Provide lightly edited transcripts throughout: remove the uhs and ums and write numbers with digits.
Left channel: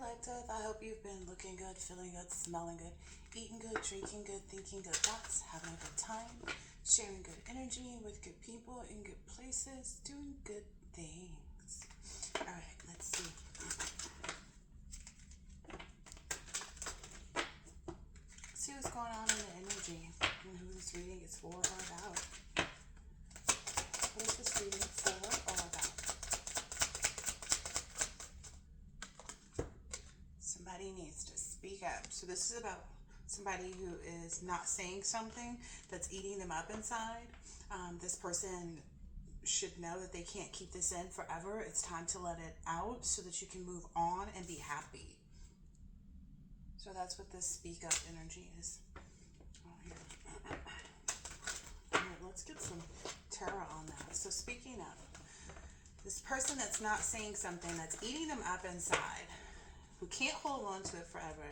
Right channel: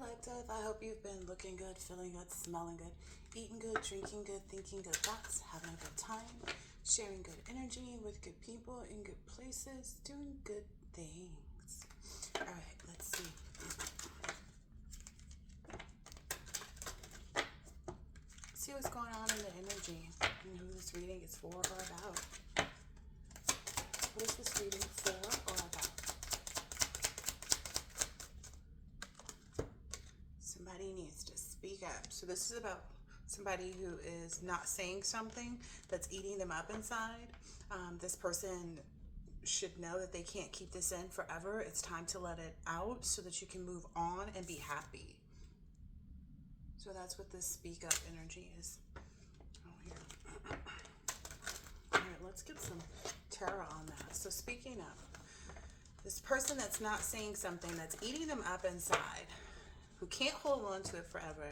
Collective, I hope you've been looking good, feeling good, smelling good, eating good, drinking good, thinking good thoughts, having a good time, sharing good energy with good people in good places, doing good things. All right, let's see. See what's going on in the energy and who this reading is for or about. What is this reading for or about? Somebody needs to speak up. So this is about somebody who is not saying something that's eating them up inside. This person should know that they can't keep this in forever. It's time to let it out so that you can move on and be happy. So that's what this speak up energy is. Oh, here. All right, let's get some tarot on that. So speaking up, this person that's not saying something, that's eating them up inside, who can't hold on to it forever.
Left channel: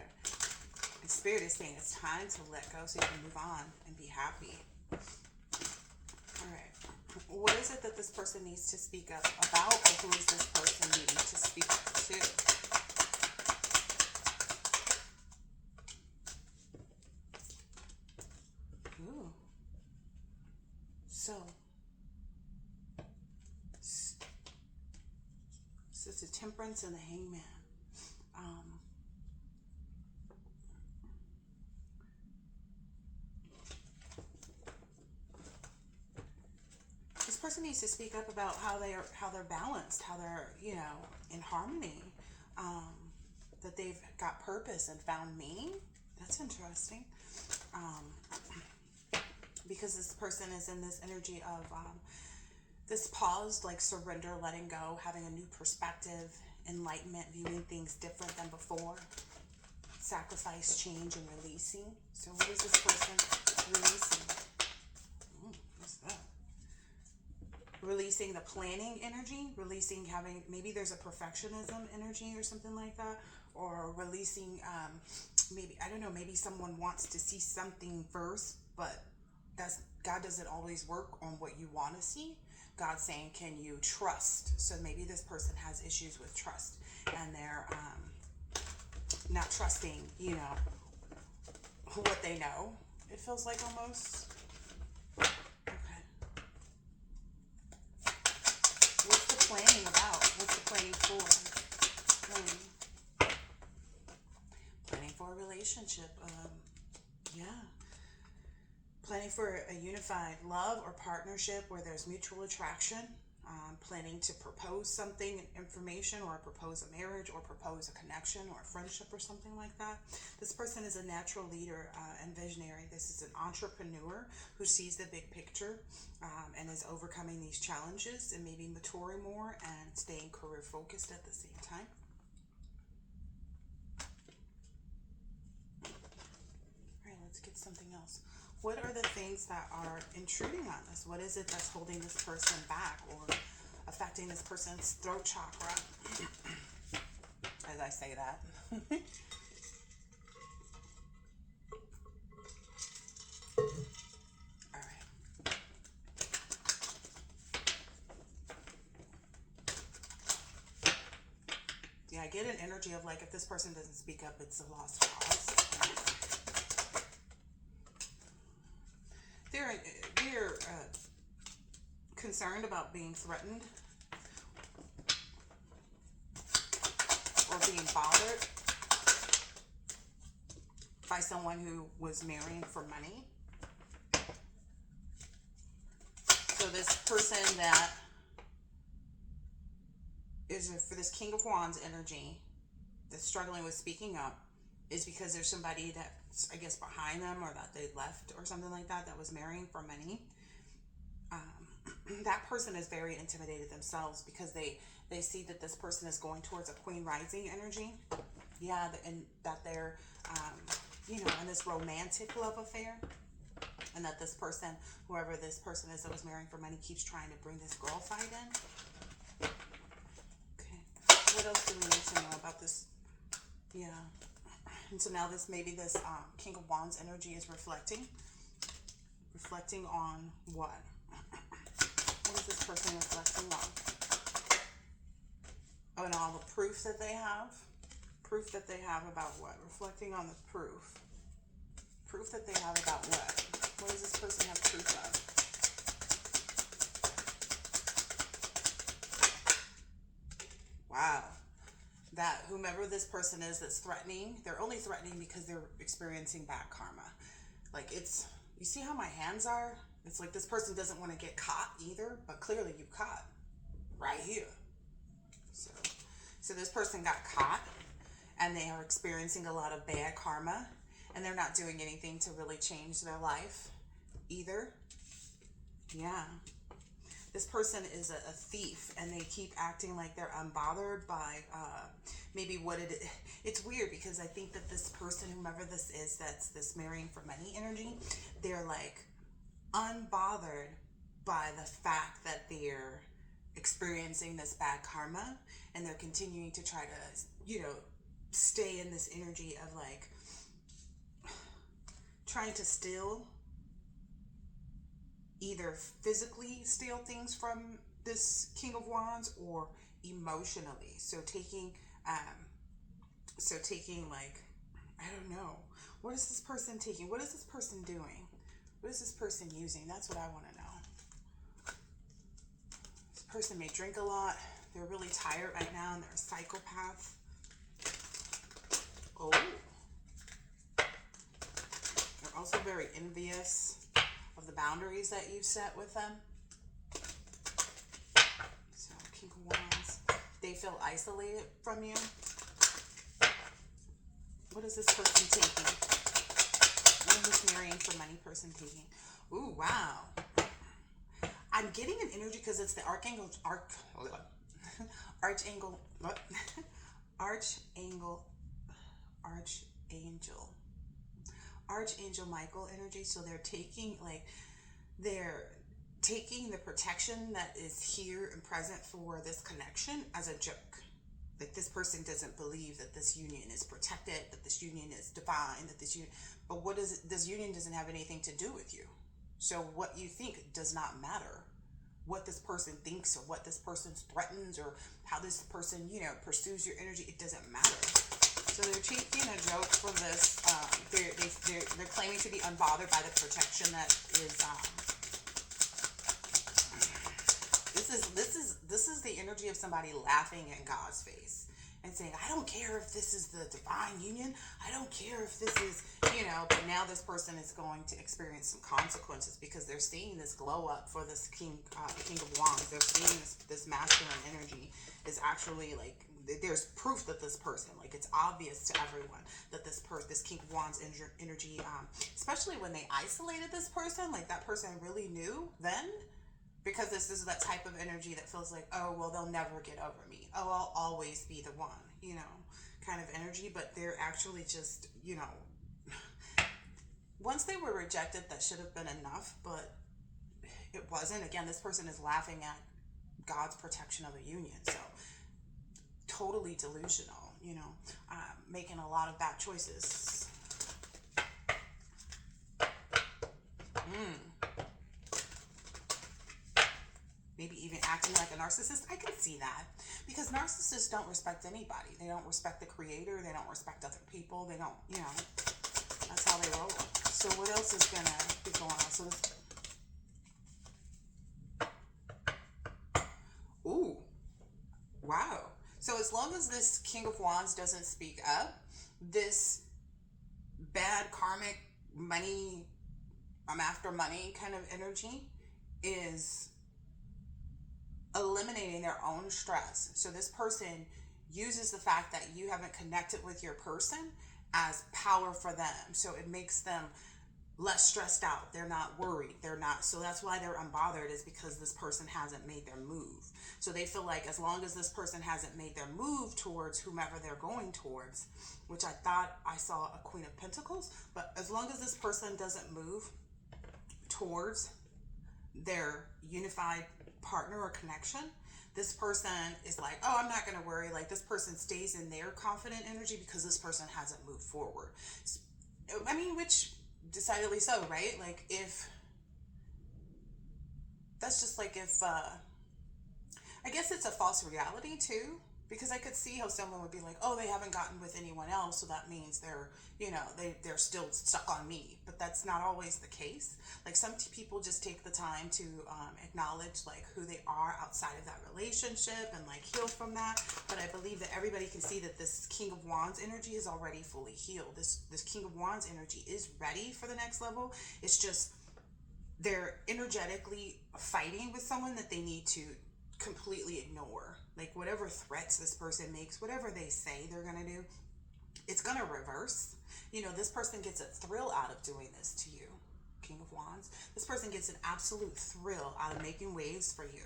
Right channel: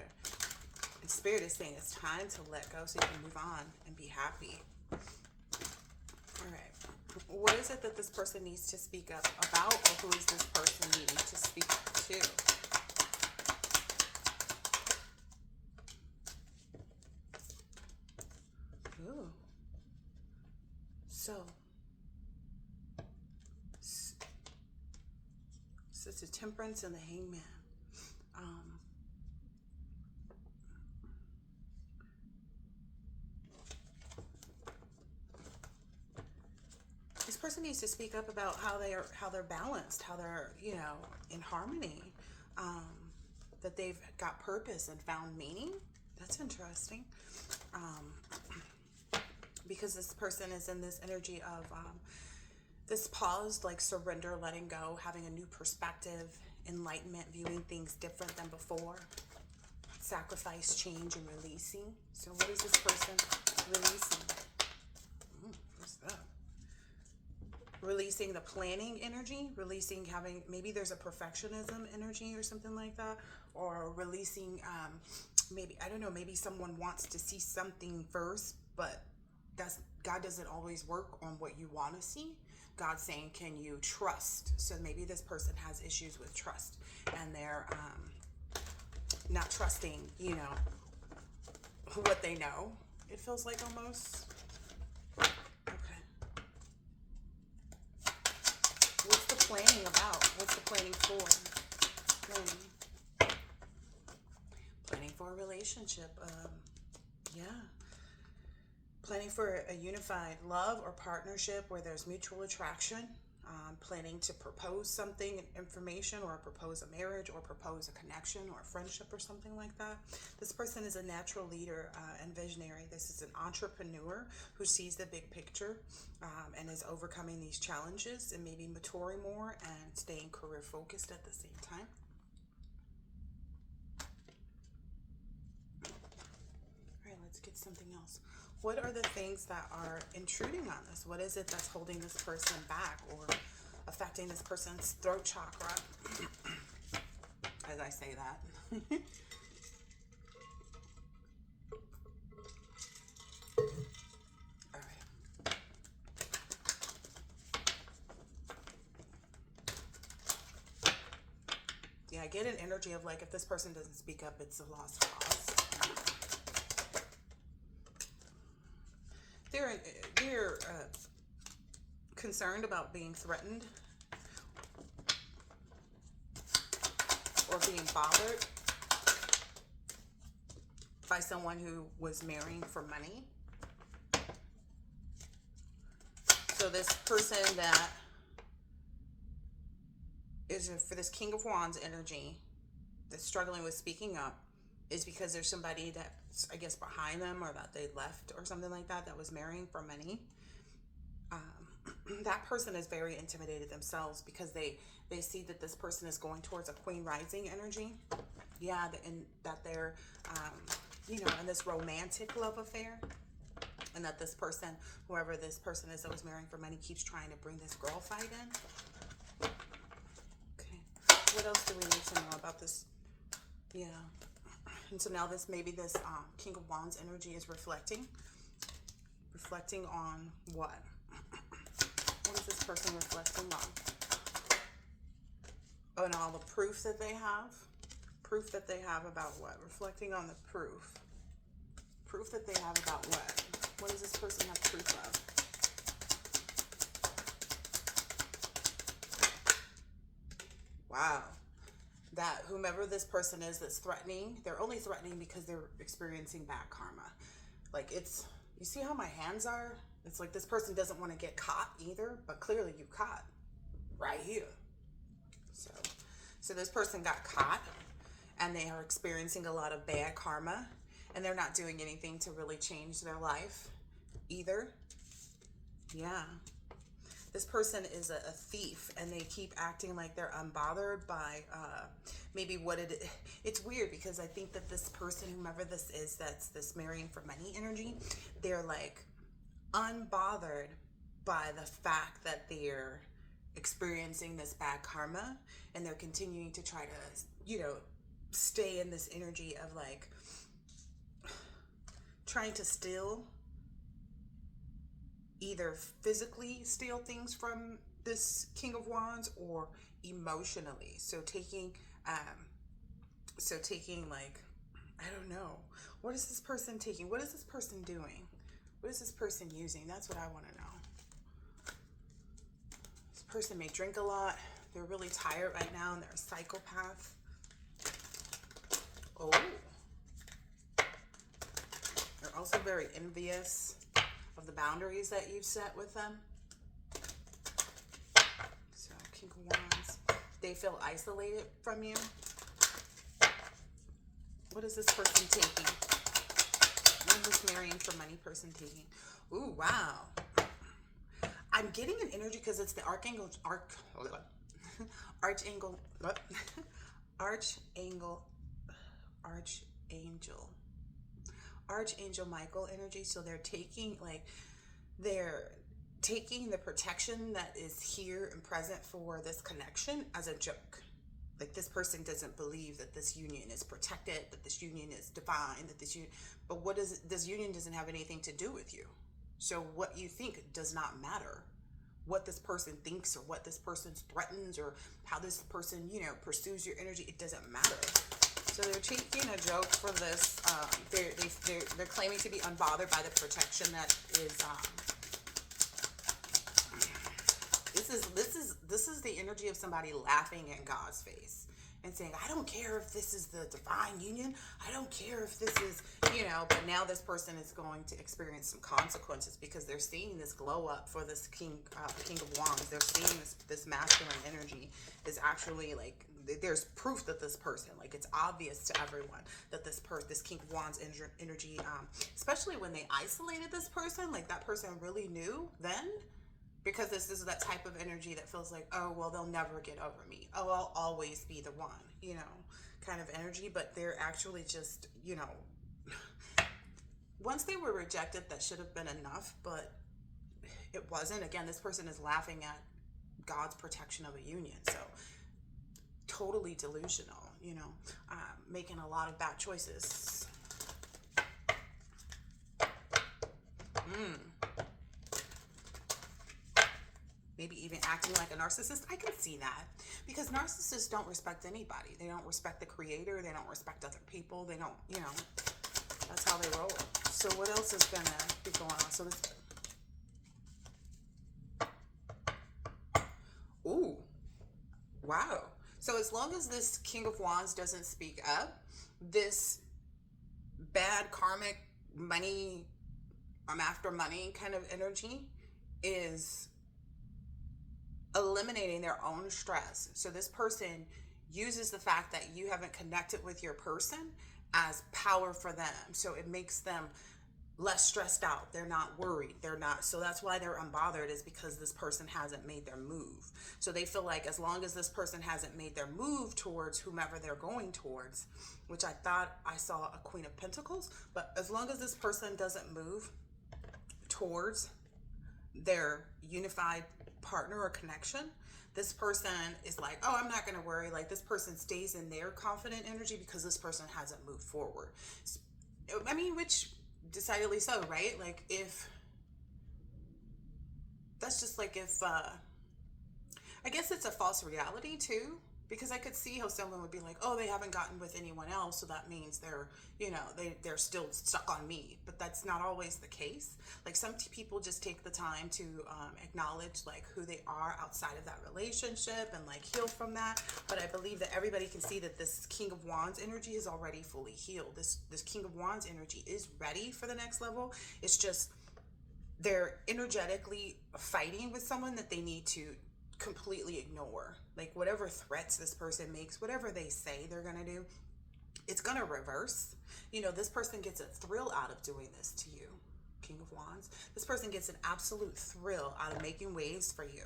And Spirit is saying it's time to let go so you can move on and be happy. All right. What is it that this person needs to speak up about, or who is this person needing to speak to? Ooh. So it's the Temperance and the Hangman. This person needs to speak up about how they're balanced, how they're, in harmony, that they've got purpose and found meaning. That's interesting. Because this person is in this energy of this pause, like surrender, letting go, having a new perspective, enlightenment, viewing things different than before, sacrifice, change, and releasing. So what is this person releasing? What's that? Releasing the planning energy, releasing having, maybe there's a perfectionism energy or something like that, or releasing, maybe someone wants to see something first, but God doesn't always work on what you want to see. God's saying, can you trust? So maybe this person has issues with trust, and they're not trusting, what they know. It feels like almost. Okay. What's the planning about? What's the planning for? Planning for a relationship. Yeah. Planning for a unified love or partnership where there's mutual attraction. Planning to propose something, information, or propose a marriage, or propose a connection or a friendship or something like that. This person is a natural leader and visionary. This is an entrepreneur who sees the big picture and is overcoming these challenges and maybe maturing more and staying career focused at the same time. All right, let's get something else. What are the things that are intruding on this? What is it that's holding this person back or affecting this person's throat chakra? As I say that. All right. Yeah, I get an energy of like, if this person doesn't speak up, it's a lost cause. They're concerned about being threatened or being bothered by someone who was marrying for money. So this person that is for this King of Wands energy that's struggling with speaking up is because there's somebody that's, I guess, behind them, or that they left or something like that was marrying for money. That person is very intimidated themselves because they see that this person is going towards a Queen Rising energy. Yeah, and that they're, in this romantic love affair. And that this person, whoever this person is that was marrying for money, keeps trying to bring this girl fight in. Okay. What else do we need to know about this? Yeah. And so now this King of Wands energy is reflecting on what? What is this person reflecting on? Oh, and all the proof that they have. Proof that they have about what? Reflecting on the proof. Proof that they have about what? What does this person have proof of? Wow. That whomever this person is that's threatening, they're only threatening because they're experiencing bad karma. Like it's, you see how my hands are? It's like this person doesn't want to get caught either, but clearly you caught right here. So this person got caught and they are experiencing a lot of bad karma and they're not doing anything to really change their life either. Yeah. This person is a thief and they keep acting like they're unbothered by maybe what it is. It's weird because I think that this person, whomever this is, that's this marrying for money energy, they're like unbothered by the fact that they're experiencing this bad karma and they're continuing to try to, you know, stay in this energy of like trying to steal, either physically steal things from this King of Wands or emotionally. So taking like, I don't know, what is this person taking? What is this person doing? What is this person using? That's what I want to know. This person may drink a lot. They're really tired right now and they're a psychopath. Oh. They're also very envious of the boundaries that you've set with them. So, King of Wands. They feel isolated from you. What is this person taking? What is this marrying for money person taking? Ooh, wow. I'm getting an energy because it's the Archangel, Archangel Michael energy. So they're taking the protection that is here and present for this connection as a joke. Like this person doesn't believe that this union is protected, that this union is divine, that this union, but what is it? This union doesn't have anything to do with you. So what you think does not matter. What this person thinks or what this person threatens or how this person, you know, pursues your energy, it doesn't matter. So they're taking a joke for this. They're claiming to be unbothered by the protection that is. This is the energy of somebody laughing in God's face and saying, I don't care if this is the divine union. I don't care if this is, you know, but now this person is going to experience some consequences because they're seeing this glow up for this King of Wands. They're seeing this masculine energy is actually like, there's proof that this person, like it's obvious to everyone that this King of Wands energy, especially when they isolated this person, like that person really knew then. Because this is that type of energy that feels like, oh, well, they'll never get over me. Oh, I'll always be the one, you know, kind of energy. But they're actually just, you know, once they were rejected, that should have been enough, but it wasn't. Again, this person is laughing at God's protection of a union. So totally delusional, you know, making a lot of bad choices. Maybe even acting like a narcissist. I can see that because narcissists don't respect anybody. They don't respect the creator. They don't respect other people. They don't, you know, that's how they roll. So what else is going to be going on? So this, ooh, wow. So as long as this King of Wands doesn't speak up, this bad karmic money, I'm after money kind of energy is eliminating their own stress. So this person uses the fact that you haven't connected with your person as power for them. So it makes them less stressed out. They're not worried. They're not. So that's why they're unbothered, is because this person hasn't made their move. So they feel like as long as this person hasn't made their move towards whomever they're going towards, which I thought I saw a Queen of Pentacles, but as long as this person doesn't move towards their unified partner or connection, this person is like, oh, I'm not going to worry. Like this person stays in their confident energy because this person hasn't moved forward. I mean, which decidedly so, right? Like if that's just like if I guess it's a false reality too, Because I could see how someone would be like, oh, they haven't gotten with anyone else, so that means they're, they're still stuck on me. But that's not always the case. Like some people just take the time to acknowledge like who they are outside of that relationship and like heal from that. But I believe that everybody can see that this King of Wands energy is already fully healed. This King of Wands energy is ready for the next level. It's just they're energetically fighting with someone that they need to completely ignore. Like whatever threats this person makes, whatever they say they're gonna do, it's gonna reverse. This person gets a thrill out of doing this to you, King of Wands. This person gets an absolute thrill out of making waves for you.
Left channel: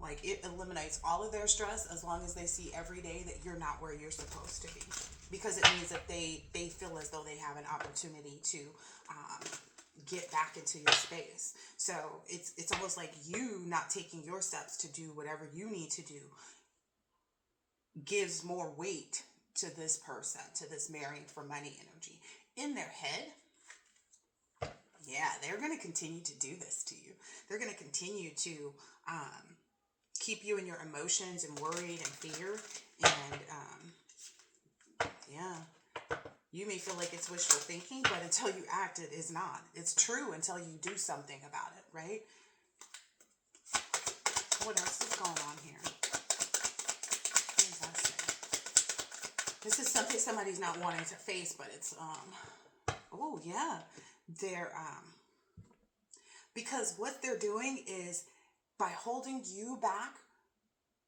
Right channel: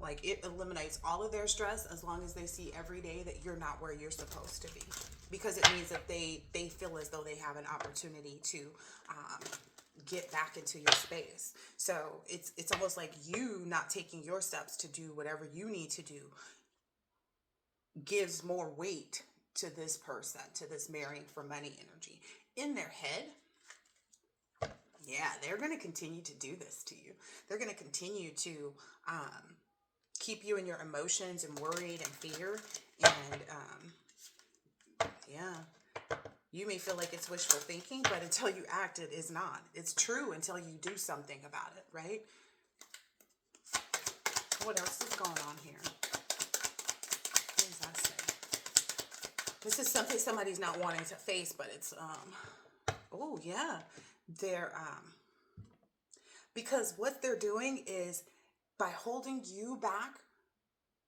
Like it eliminates all of their stress as long as they see every day that you're not where you're supposed to be. Because it means that they feel as though they have an opportunity to get back into your space. So it's almost like you not taking your steps to do whatever you need to do gives more weight to this person, to this marrying for money energy. In their head, yeah, they're going to continue to do this to you. They're going to continue to keep you in your emotions and worried and fear. And yeah. You may feel like it's wishful thinking, but until you act, it is not. It's true until you do something about it, right? What else is going on here? What does that say? This is something somebody's not wanting to face, but it's, oh, yeah. They're, because what they're doing is by holding you back,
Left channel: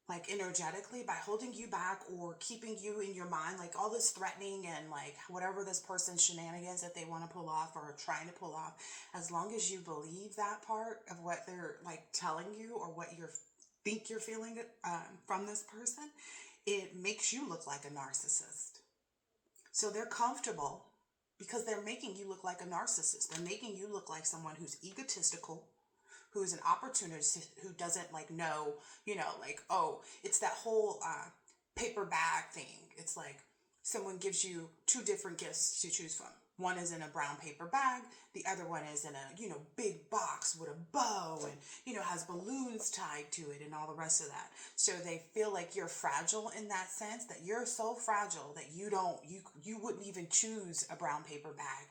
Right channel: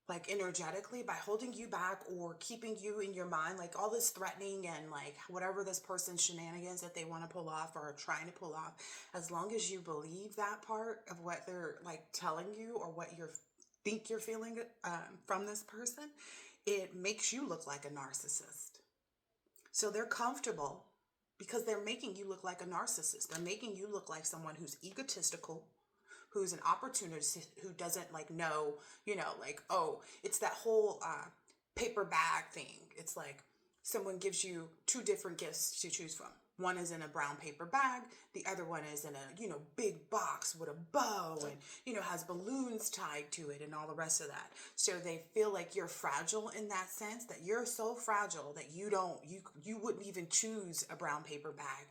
like energetically, by holding you back or keeping you in your mind, like all this threatening and like whatever this person's shenanigans that they want to pull off or are trying to pull off, as long as you believe that part of what they're like telling you or what you think you're feeling from this person, it makes you look like a narcissist. So they're comfortable because they're making you look like a narcissist. They're making you look like someone who's egotistical, who's an opportunist, who doesn't like know, like, oh, it's that whole paper bag thing. It's like someone gives you two different gifts to choose from. One is in a brown paper bag. The other one is in a, big box with a bow and, has balloons tied to it and all the rest of that. So they feel like you're fragile in that sense, that you're so fragile that you wouldn't even choose a brown paper bag.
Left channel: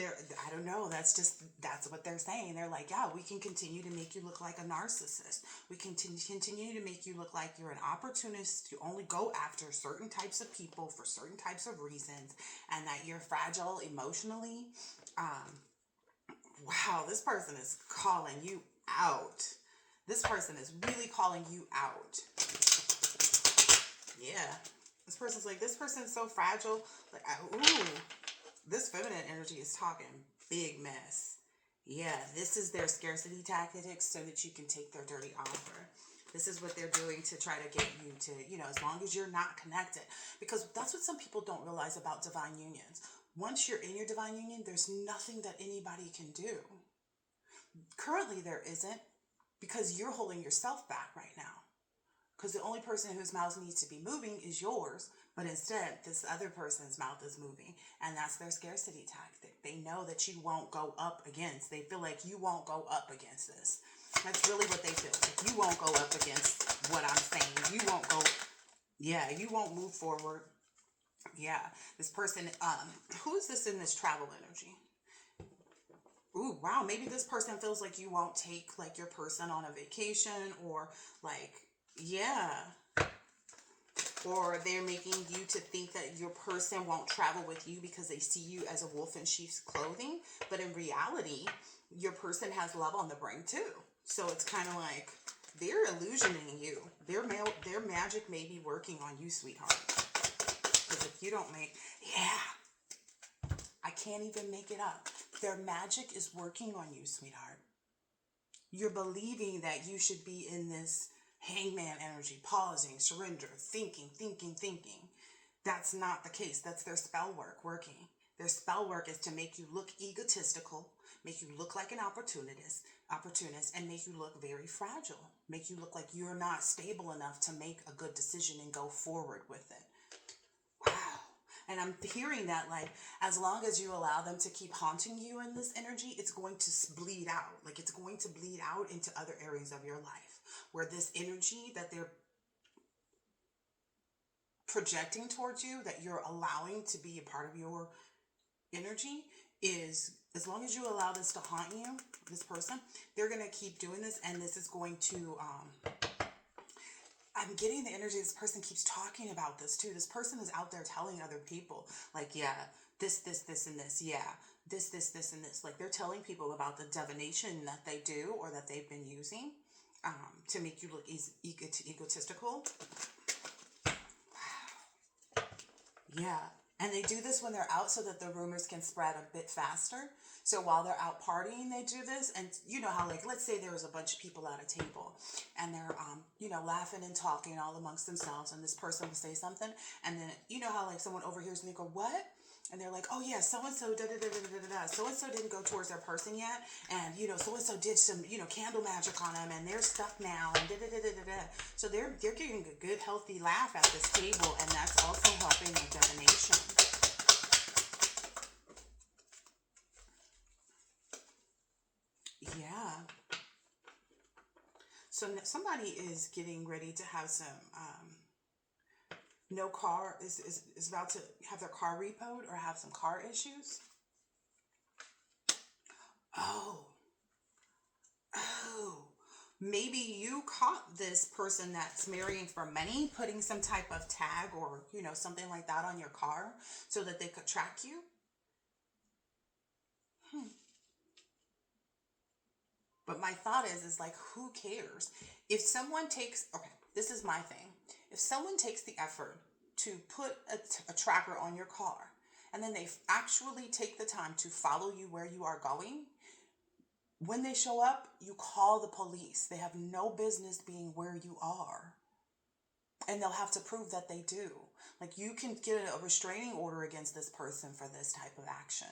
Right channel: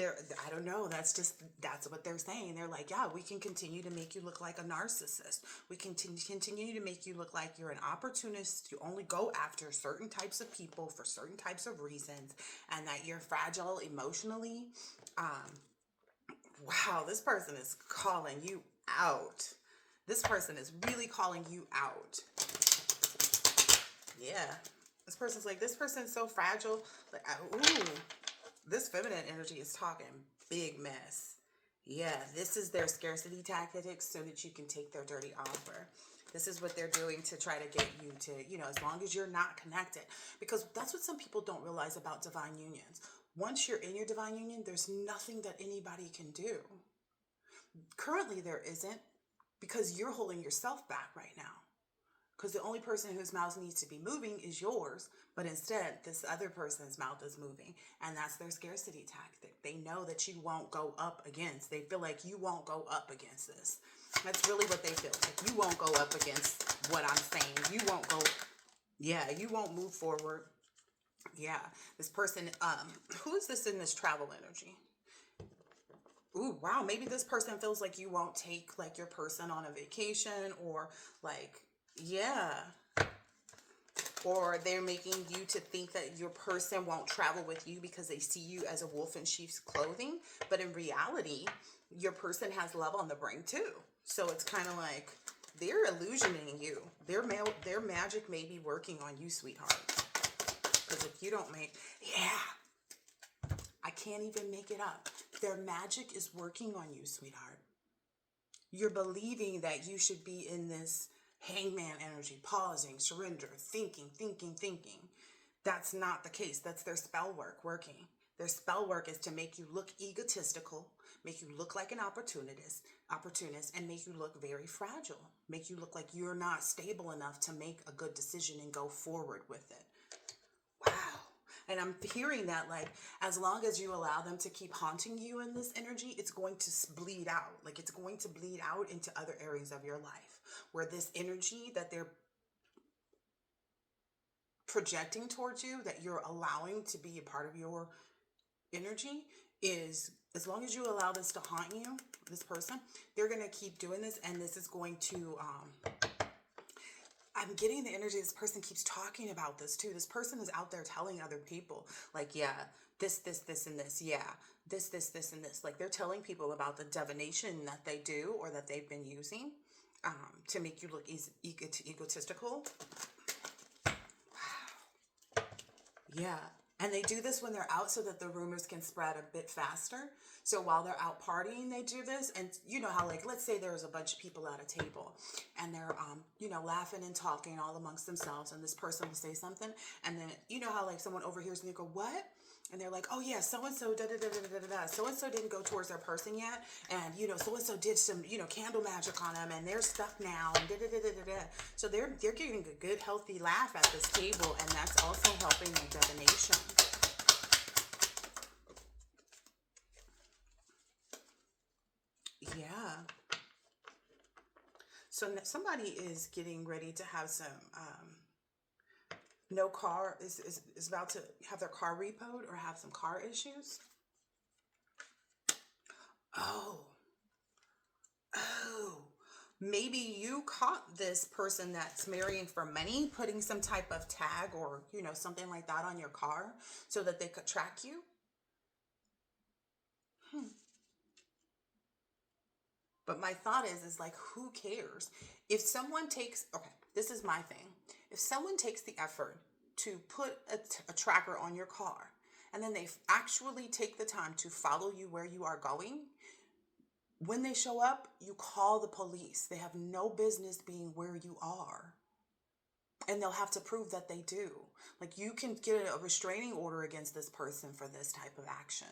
I don't know. That's what they're saying. They're like, yeah, we can continue to make you look like a narcissist. We can continue to make you look like you're an opportunist. You only go after certain types of people for certain types of reasons, and that you're fragile emotionally. Wow, this person is calling you out. This person is really calling you out. Yeah. This person's so fragile. Like, ooh. This feminine energy is talking big mess. Yeah, this is their scarcity tactics so that you can take their dirty offer. This is what they're doing to try to get you to, as long as you're not connected. Because that's what some people don't realize about divine unions. Once you're in your divine union, there's nothing that anybody can do. Currently, there isn't, because you're holding yourself back right now. Because the only person whose mouth needs to be moving is yours. But instead, this other person's mouth is moving. And that's their scarcity tactic. They know that you won't go up against. They feel like you won't go up against this. That's really what they feel. Like you won't go up against what I'm saying. You won't go. Yeah, you won't move forward. Yeah. This person, who is this in this travel energy? Ooh, wow. Maybe this person feels like you won't take like your person on a vacation or like, yeah. Or they're making you to think that your person won't travel with you because they see you as a wolf in sheep's clothing. But in reality, your person has love on the brain too. So it's kind of like they're illusioning you. Their magic may be working on you, sweetheart. Because if you don't I can't even make it up. Their magic is working on you, sweetheart. You're believing that you should be in this hangman energy, pausing, surrender, thinking. That's not the case. That's their spell work working. Their spell work is to make you look egotistical, make you look like an opportunist, and make you look very fragile, make you look like you're not stable enough to make a good decision and go forward with it. Wow. And I'm hearing that like, as long as you allow them to keep haunting you in this energy, it's going to bleed out. Like it's going to bleed out into other areas of your life where this energy that they're projecting towards you, that you're allowing to be a part of your energy, is as long as you allow this to haunt you, this person, they're going to keep doing this. And this is going to, I'm getting the energy this person keeps talking about this too. This person is out there telling other people, like, yeah, this, and this. Yeah, this, and this. Like, they're telling people about the divination that they do or that they've been using to make you look egotistical. Yeah. And they do this when they're out so that the rumors can spread a bit faster. So while they're out partying, they do this. And you know how, like, let's say there was a bunch of people at a table and they're, laughing and talking all amongst themselves. And this person will say something. And then, you know how, like, someone overhears and they go, what? And they're like, oh yeah, so-and-so, da-da-da-da-da-da-da. So-and-so didn't go towards their person yet. And, so-and-so did some, candle magic on them and they're stuck now and da-da-da-da-da-da. So they're getting a good, healthy laugh at this table. And that's also helping the divination. Yeah. So somebody is getting ready to have some, no car, is about to have their car repoed or have some car issues. Oh, maybe you caught this person that's marrying for money, putting some type of tag or, something like that on your car so that they could track you. But my thought is like, who cares? If someone takes, okay, this is my thing. If someone takes the effort to put a tracker on your car, and then they actually take the time to follow you where you are going, when they show up, you call the police. They have no business being where you are. And they'll have to prove that they do. Like, you can get a restraining order against this person for this type of action.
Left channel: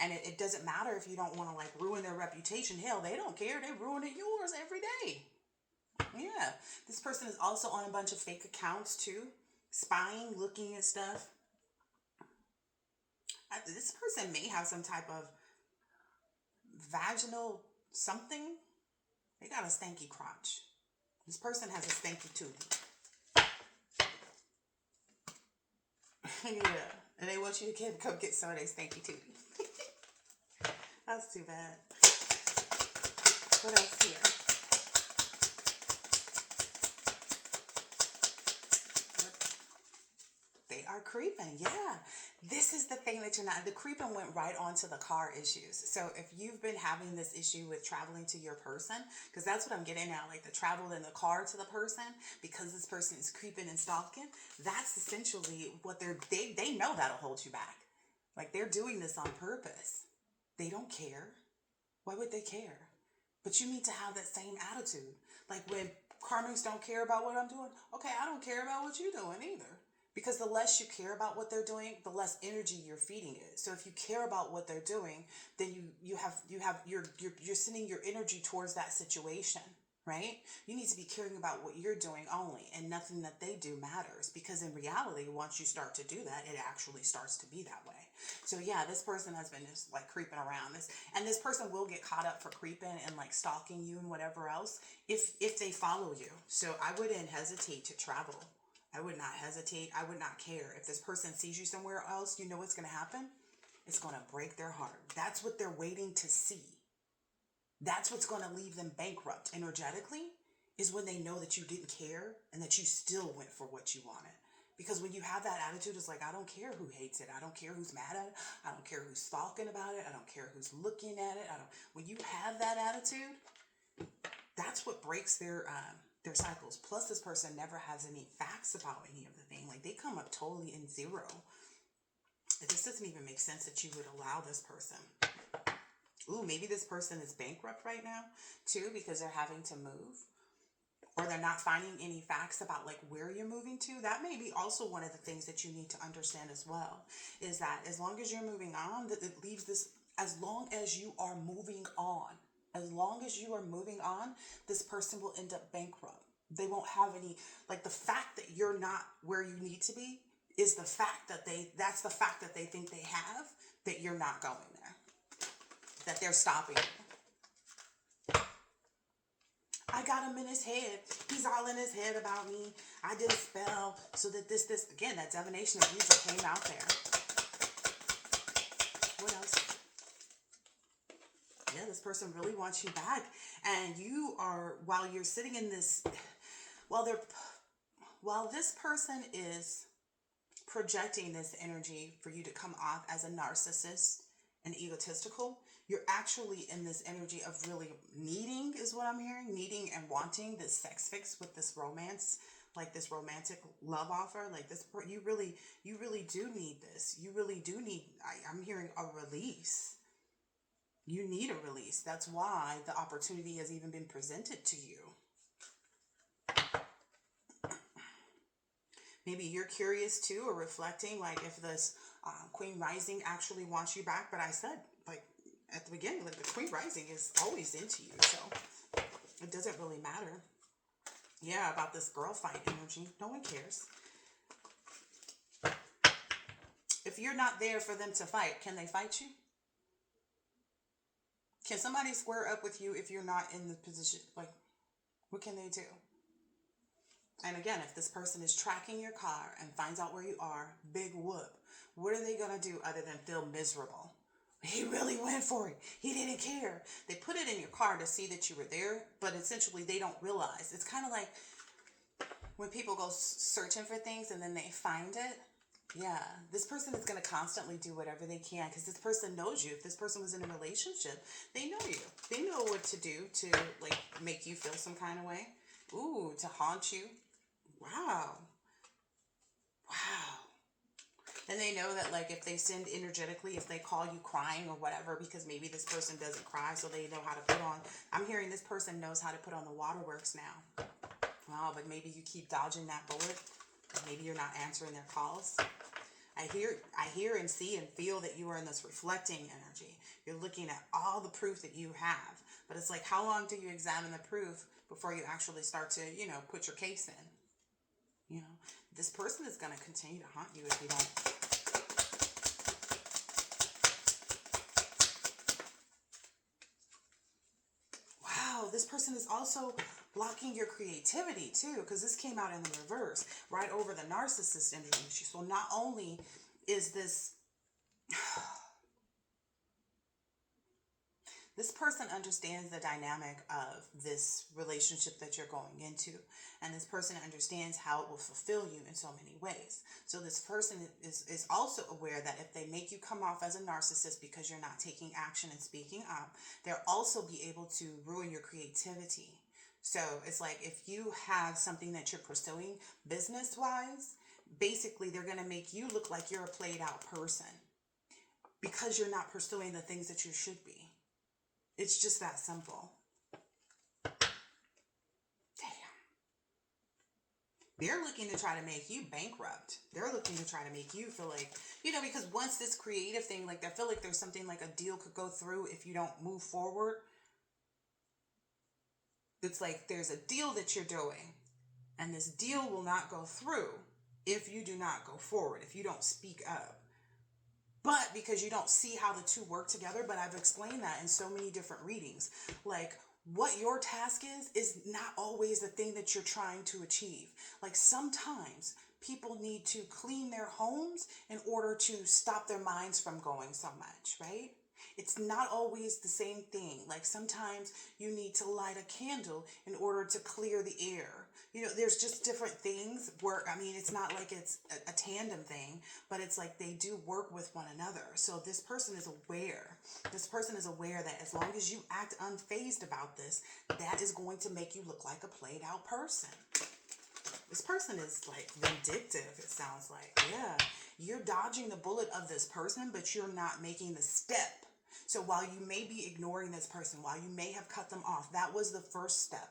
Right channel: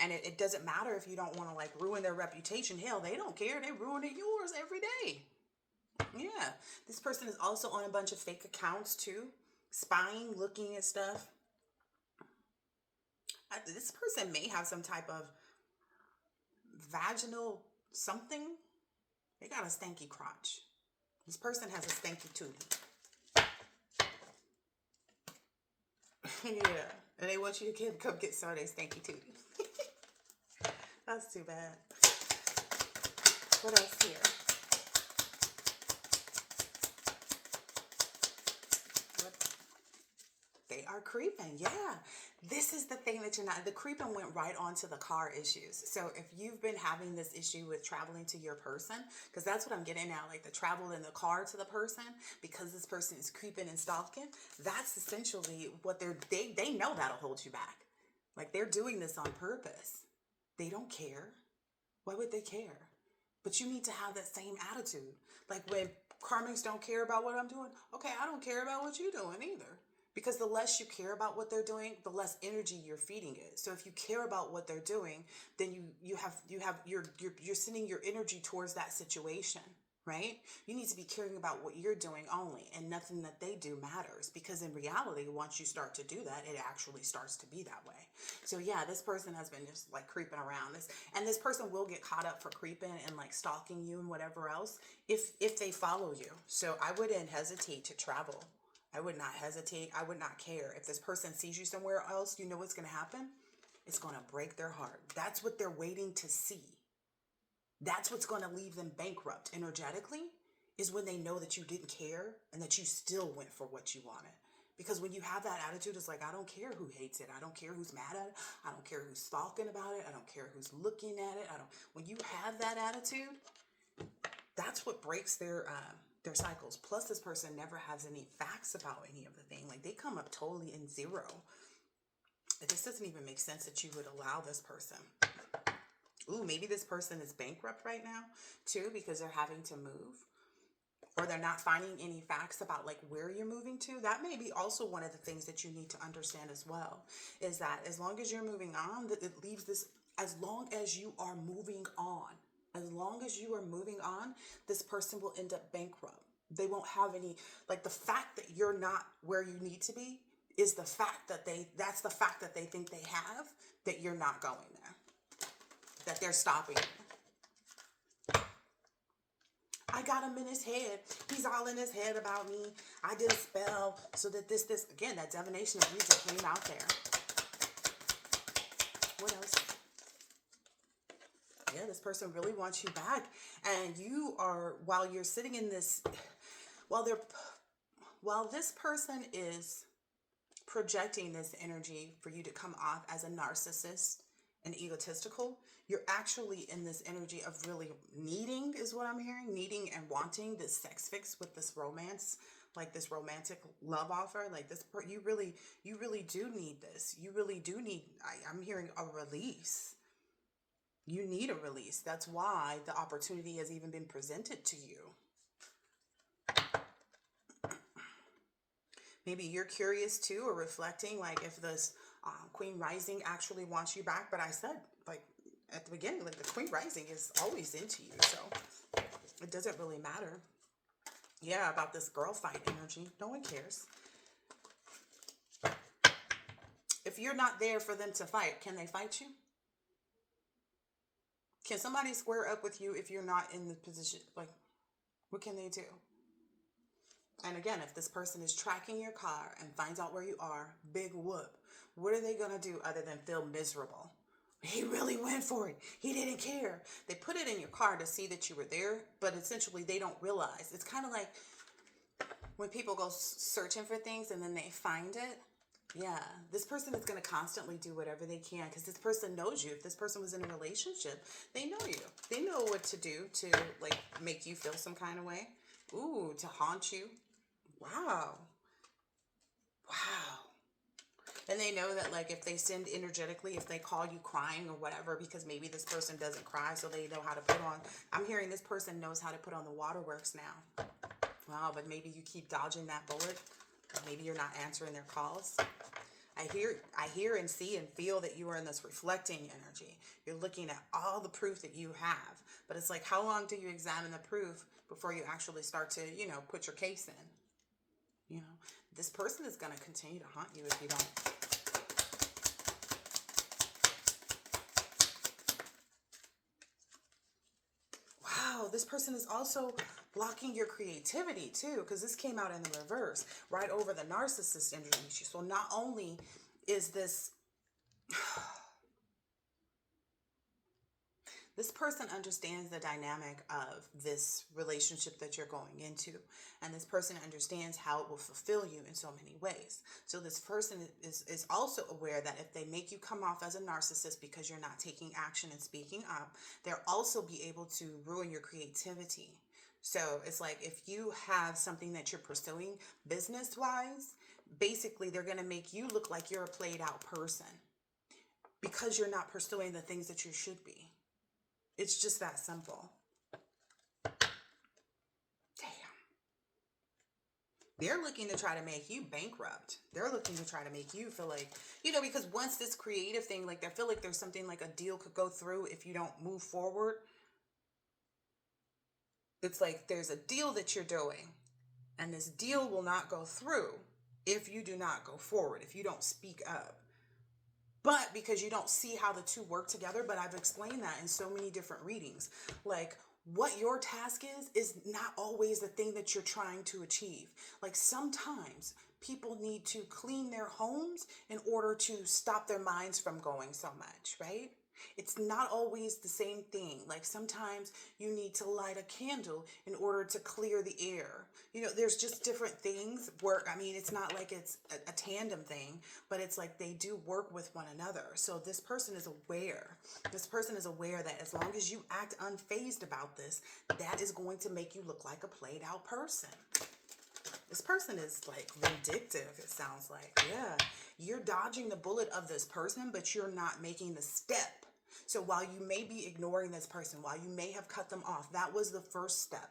And it doesn't matter if you don't want to, like, ruin their reputation. Hell, they don't care. They ruin yours every day. Yeah. This person is also on a bunch of fake accounts too. Spying, looking at stuff. This person may have some type of vaginal something. They got a stanky crotch. This person has a stanky tooth. Yeah. And they want you to come get some of their stanky tooth. That's too bad. What else here? They are creeping. Yeah. This is the thing that you're not, the creeping went right onto the car issues. So if you've been having this issue with traveling to your person, because that's what I'm getting at, like the travel in the car to the person, because this person is creeping and stalking, that's essentially what they know that'll hold you back. Like, they're doing this on purpose. They don't care. Why would they care? But you need to have that same attitude. Like, when karmics don't care about what I'm doing, okay, I don't care about what you're doing either. Because the less you care about what they're doing, the less energy you're feeding it. So if you care about what they're doing, then you're sending your energy towards that situation, right? You need to be caring about what you're doing only, and nothing that they do matters. Because in reality, once you start to do that, it actually starts to be that way. So yeah, this person has been just like creeping around this, and this person will get caught up for creeping and like stalking you and whatever else if they follow you. So I wouldn't hesitate to travel. I would not hesitate. I would not care. If this person sees you somewhere else, you know what's going to happen? It's going to break their heart. That's what they're waiting to see. That's what's going to leave them bankrupt energetically, is when they know that you didn't care and that you still went for what you wanted. Because when you have that attitude, it's like, I don't care who hates it. I don't care who's mad at it. I don't care who's talking about it. I don't care who's looking at it. When you have that attitude, that's what breaks their cycles. Plus, this person never has any facts about any of the thing. Like, they come up totally in zero. It just doesn't even make sense that you would allow this person. Ooh, maybe this person is bankrupt right now too, because they're having to move, or they're not finding any facts about like where you're moving to. That may be also one of the things that you need to understand as well, is that as long as you're moving on, that it leaves this, as long as you are moving on, this person will end up bankrupt. They won't have any, like, the fact that you're not where you need to be is the fact that that's the fact that they think they have, that you're not going there, that they're stopping you. I got him in his head. He's all in his head about me. I did a spell so that this. Again, that divination of music came out there. What else? Yeah, this person really wants you back. And you are, while you're sitting in this, while this person is projecting this energy for you to come off as a narcissist and egotistical, you're actually in this energy of really needing, is what I'm hearing, needing and wanting this sex fix with this romance, like this romantic love offer, like this. You really do need this. You really do need. I'm hearing a release. You need a release. That's why the opportunity has even been presented to you. Maybe you're curious too, or reflecting, like if this Queen Rising actually wants you back. But I said, like at the beginning, like the Queen Rising is always into you, so it doesn't really matter. Yeah, about this girl fight energy. No one cares. If you're not there for them to fight, can they fight you? Can somebody square up with you if you're not in the position? Like, what can they do? And again, if this person is tracking your car and finds out where you are, big whoop. What are they going to do other than feel miserable? He really went for it. He didn't care. They put it in your car to see that you were there, but essentially they don't realize. It's kind of like when people go searching for things and then they find it. Yeah, this person is going to constantly do whatever they can because this person knows you. If this person was in a relationship, they know you. They know what to do to like make you feel some kind of way. Ooh, to haunt you. Wow. Wow. And they know that, like, if they send energetically, if they call you crying or whatever, because maybe this person doesn't cry, so they know how to put on. I'm hearing this person knows how to put on the waterworks now. Wow, but maybe you keep dodging that bullet. Maybe you're not answering their calls. I hear and see and feel that you are in this reflecting energy. You're looking at all the proof that you have. But it's like, how long do you examine the proof before you actually start to, put your case in? This person is going to continue to haunt you if you don't. Wow, this person is also blocking your creativity too, because this came out in the reverse, right over the narcissist energy. So not only is this person understands the dynamic of this relationship that you're going into, and this person understands how it will fulfill you in so many ways. So this person is also aware that if they make you come off as a narcissist because you're not taking action and speaking up, they'll also be able to ruin your creativity. So it's like if you have something that you're pursuing business-wise, basically they're going to make you look like you're a played-out person because you're not pursuing the things that you should be. It's just that simple. Damn. They're looking to try to make you bankrupt. They're looking to try to make you feel like, because once this creative thing, like I feel like there's something like a deal could go through if you don't move forward. It's like there's a deal that you're doing, and this deal will not go through if you do not go forward, if you don't speak up. But because you don't see how the two work together, but I've explained that in so many different readings. Like what your task is not always the thing that you're trying to achieve. Like sometimes people need to clean their homes in order to stop their minds from going so much, right? It's not always the same thing. Like sometimes you need to light a candle in order to clear the air. There's just different things where, it's not like it's a tandem thing, but it's like they do work with one another. So this person is aware. This person is aware that as long as you act unfazed about this, that is going to make you look like a played out person. This person is like vindictive, it sounds like. Yeah, you're dodging the bullet of this person, but you're not making the step. So while you may be ignoring this person, while you may have cut them off, that was the first step,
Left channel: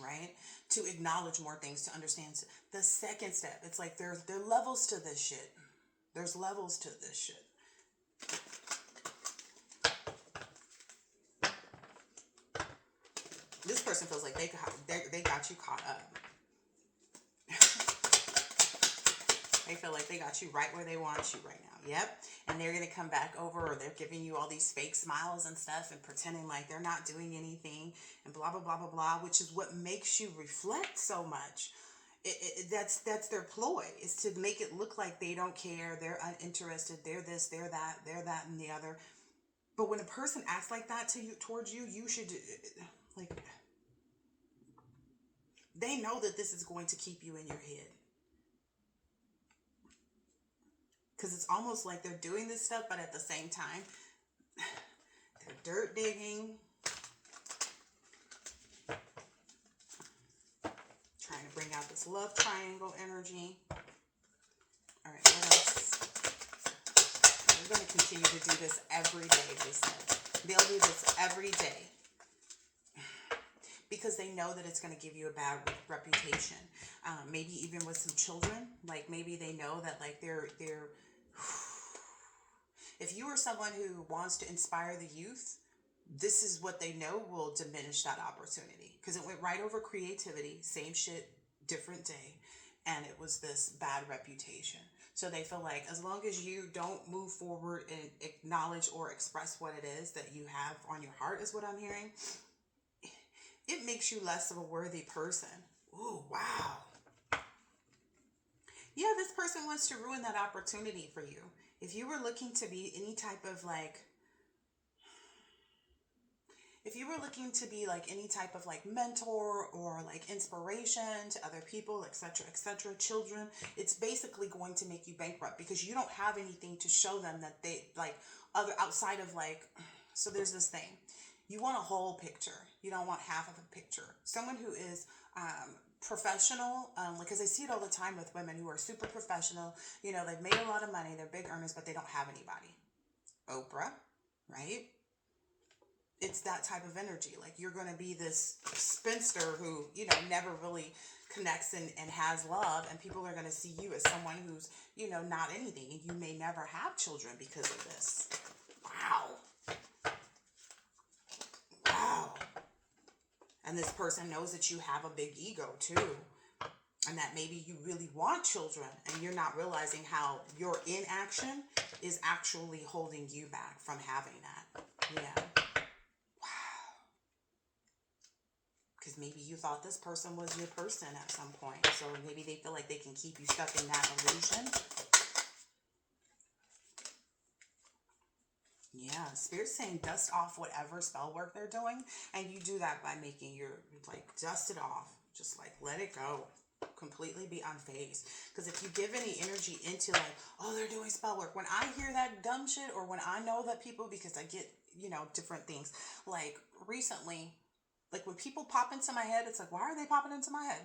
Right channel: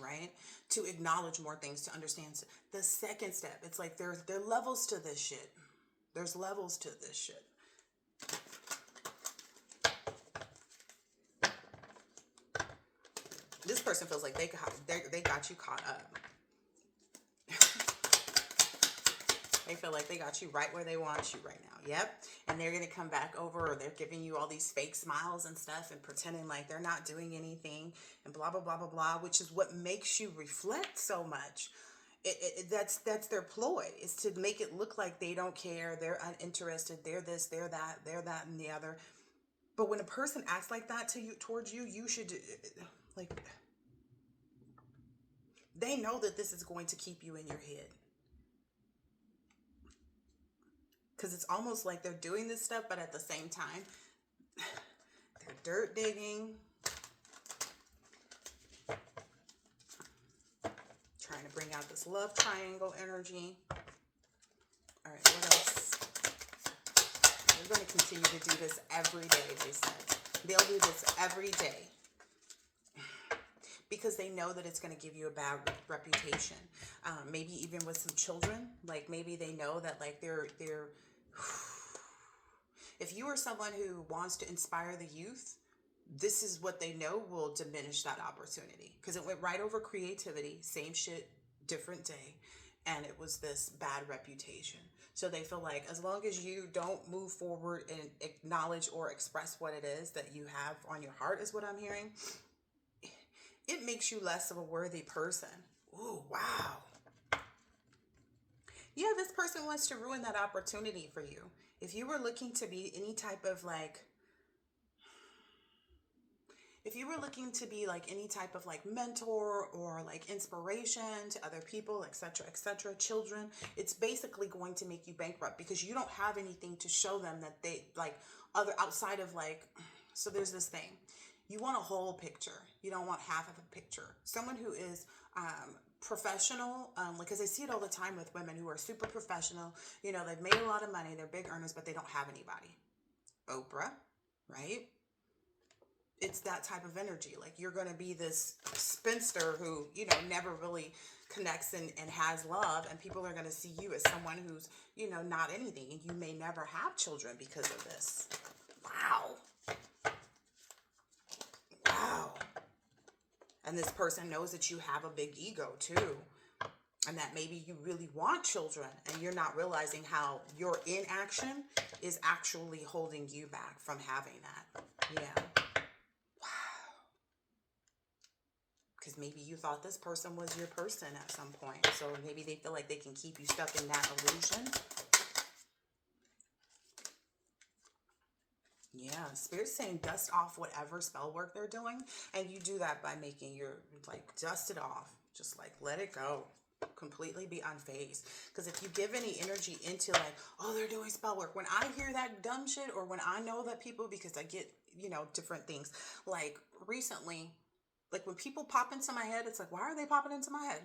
right? To acknowledge more things, to understand. The second step, it's like there are levels to this shit. There's levels to this shit. This person feels like they got you caught up. They feel like they got you right where they want you right now. Yep. And they're going to come back over, or they're giving you all these fake smiles and stuff and pretending like they're not doing anything and blah, blah, blah, blah, blah, which is what makes you reflect so much. That's their ploy, is to make it look like they don't care, they're uninterested, they're this, they're that, and the other. But when a person acts like that to you, towards you, you should, like, they know that this is going to keep you in your head. Because it's almost like they're doing this stuff, but at the same time, they're dirt digging, trying to bring out this love triangle energy. All right, what else? They're going to continue to do this every day, they said. They'll do this every day because they know that it's going to give you a bad reputation. Maybe even with some children, like maybe they know that like they're if you are someone who wants to inspire the youth, this is what they know will diminish that opportunity, because it went right over creativity, same shit, different day, and it was this bad reputation. So they feel like as long as you don't move forward and acknowledge or express what it is that you have on your heart, is what I'm hearing, it makes you less of a worthy person. Ooh, wow. Yeah, this person wants to ruin that opportunity for you. If you were looking to be any type of like, if you were looking to be like any type of like mentor or like inspiration to other people, etc., children, it's basically going to make you bankrupt because you don't have anything to show them that they like other outside of like, so there's this thing. You want a whole picture. You don't want half of a picture. Someone who is professional, because I see it all the time with women who are super professional. You know, they've made a lot of money, they're big earners, but they don't have anybody. Oprah, right? It's that type of energy. Like you're going to be this spinster who, you know, never really connects and has love, and people are going to see you as someone who's, you know, not anything, and you may never have children because of this. Wow. Wow. And this person knows that you have a big ego too, and that maybe you really want children and you're not realizing how your inaction is actually holding you back from having that. Yeah. Wow. Because maybe you thought this person was your person at some point, so maybe they feel like they can keep you stuck in that illusion. Yeah, Spirit's saying dust off whatever spell work they're doing, and you do that by making your, like, dust it off. Just, like, let it go. Completely be unfazed. Because if you give any energy into, like, oh, they're doing spell work, when I hear that dumb shit, or when I know that people, because I get, you know, different things, like, recently, like, when people pop into my head, it's like, why are they popping into my head?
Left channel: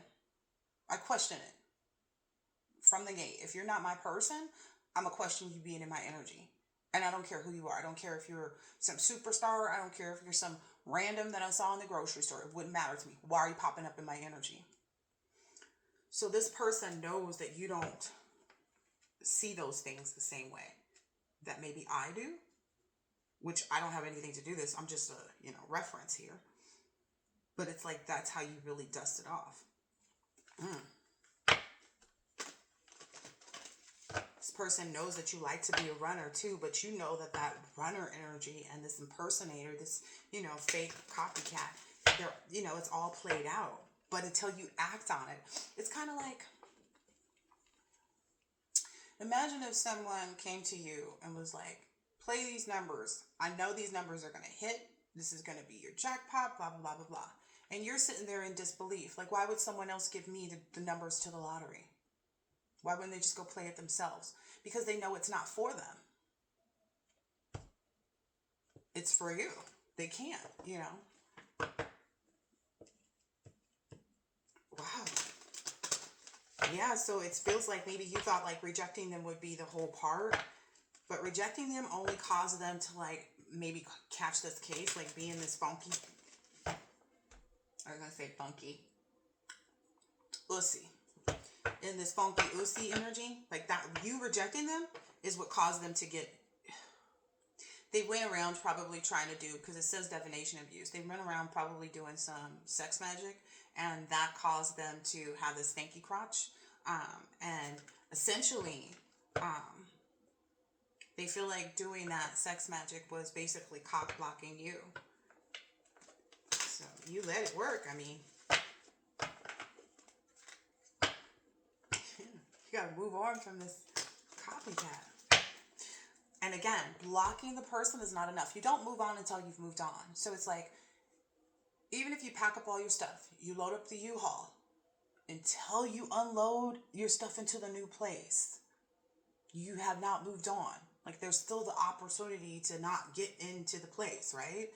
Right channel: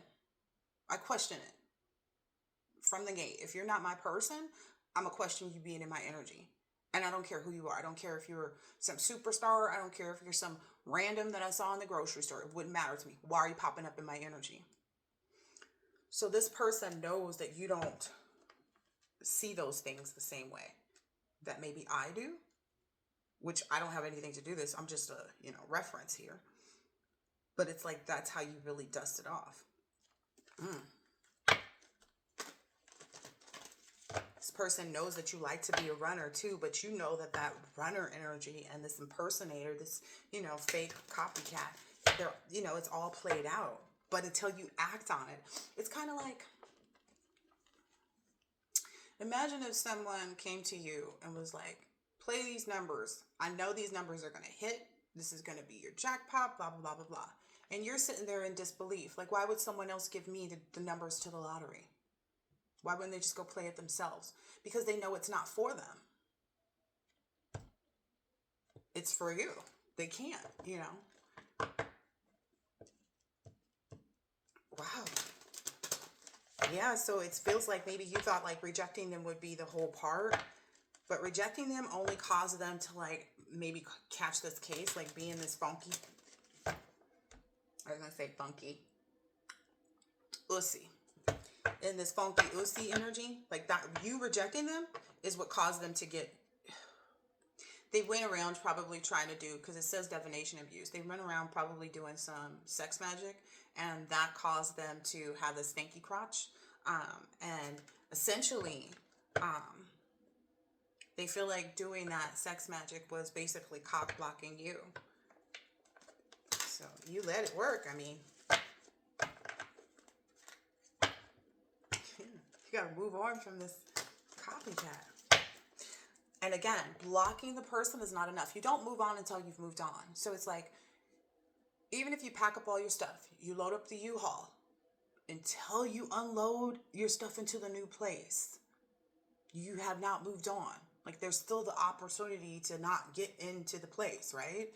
I question it. From the gate. If you're not my person, I'm going to question you being in my energy. And I don't care who you are. I don't care if you're some superstar. I don't care if you're some random that I saw in the grocery store. It wouldn't matter to me. Why are you popping up in my energy? So this person knows that you don't see those things the same way that maybe I do, which I don't have anything to do this. I'm just a, you know, reference here. But it's like, that's how you really dust it off. This person knows that you like to be a runner too, but you know that that runner energy and this impersonator, this, you know, fake copycat, they're, you know, it's all played out. But until you act on it, it's kind of like, imagine if someone came to you and was like, play these numbers. I know these numbers are going to hit. This is going to be your jackpot, blah, blah, blah, blah, blah. And you're sitting there in disbelief. Like, why would someone else give me the numbers to the lottery? Why wouldn't they just go play it themselves? Because they know it's not for them. It's for you. They can't, you know. Wow. Yeah, so it feels like maybe you thought like rejecting them would be the whole part. But rejecting them only caused them to like maybe catch this case, like be in this funky. I was going to say funky. Ussy. In this funky Ussy energy, like that, you rejecting them is what caused them to get, they went around probably trying to do, because it says divination abuse, they went around probably doing some sex magic, and that caused them to have this stanky crotch, and essentially, they feel like doing that sex magic was basically cock blocking you. So you let it work. I mean, you got to move on from this copycat. And again, blocking the person is not enough. You don't move on until you've moved on. So it's like, even if you pack up all your stuff, you load up the U-Haul, until you unload your stuff into the new place, you have not moved on. Like, there's still the opportunity to not get into the place, right?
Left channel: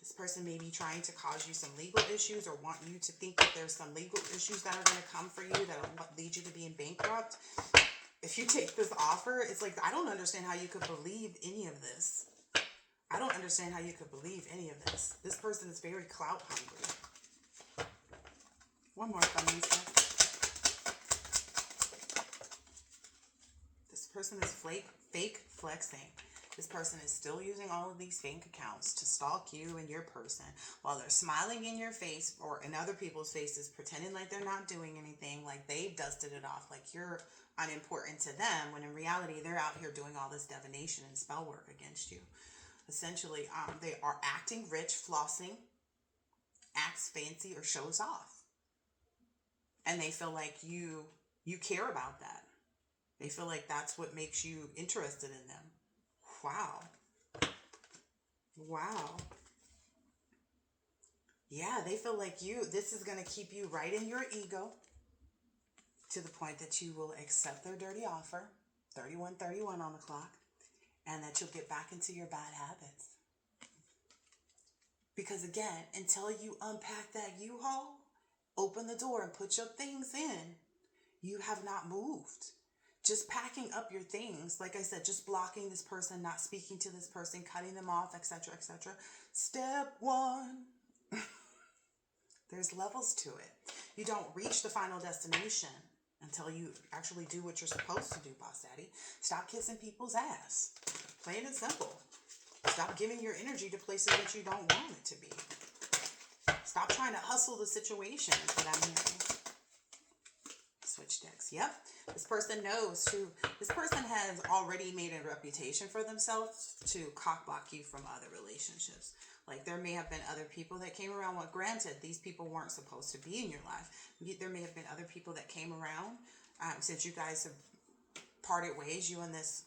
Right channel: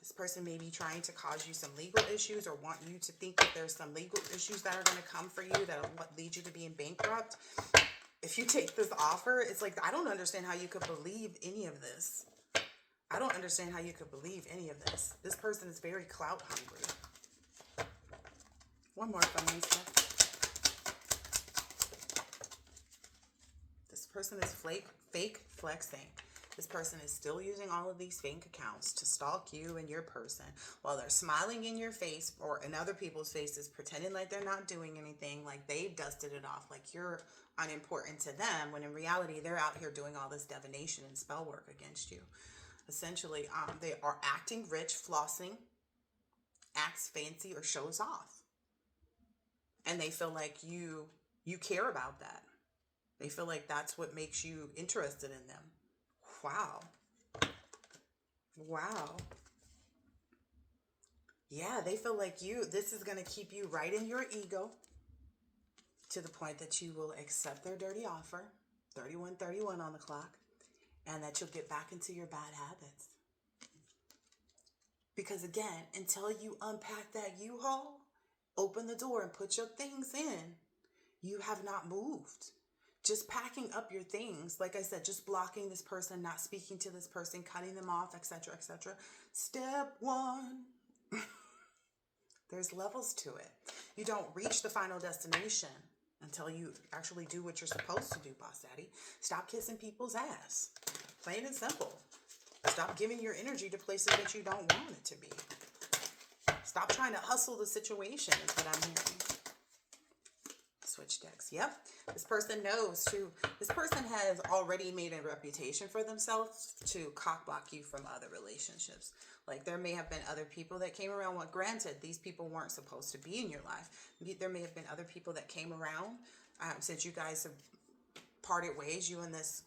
This person may be trying to cause you some legal issues or want you to think that there's some legal issues that are going to come for you that will lead you to being bankrupt. If you take this offer, it's like, I don't understand how you could believe any of this. I don't understand how you could believe any of this. This person is very clout hungry. One more from me, sir. This person is fake flexing. This person is still using all of these fake accounts to stalk you and your person while they're smiling in your face or in other people's faces, pretending like they're not doing anything, like they've dusted it off, like you're unimportant to them, when in reality, they're out here doing all this divination and spell work against you. Essentially, they are acting rich, flossing, acts fancy, or shows off. And they feel like you care about that. They feel like that's what makes you interested in them. Wow. Wow. Yeah, they feel like this is going to keep you right in your ego to the point that you will accept their dirty offer, 31:31 on the clock, and that you'll get back into your bad habits. Because again, until you unpack that U-Haul, open the door and put your things in, you have not moved. Just packing up your things, like I said, just blocking this person, not speaking to this person, cutting them off, etc., etc. Step one. There's levels to it. You don't reach the final destination until you actually do what you're supposed to do, Boss Daddy. Stop kissing people's ass. Plain and simple. Stop giving your energy to places that you don't want it to be. Stop trying to hustle the situation, is what I'm hearing. Switch decks. Yep. This person knows to, this person has already made a reputation for themselves to cock block you from other relationships. Like, there may have been other people that came around. Well, granted, these people weren't supposed to be in your life. There may have been other people that came around since you guys have parted ways, you and this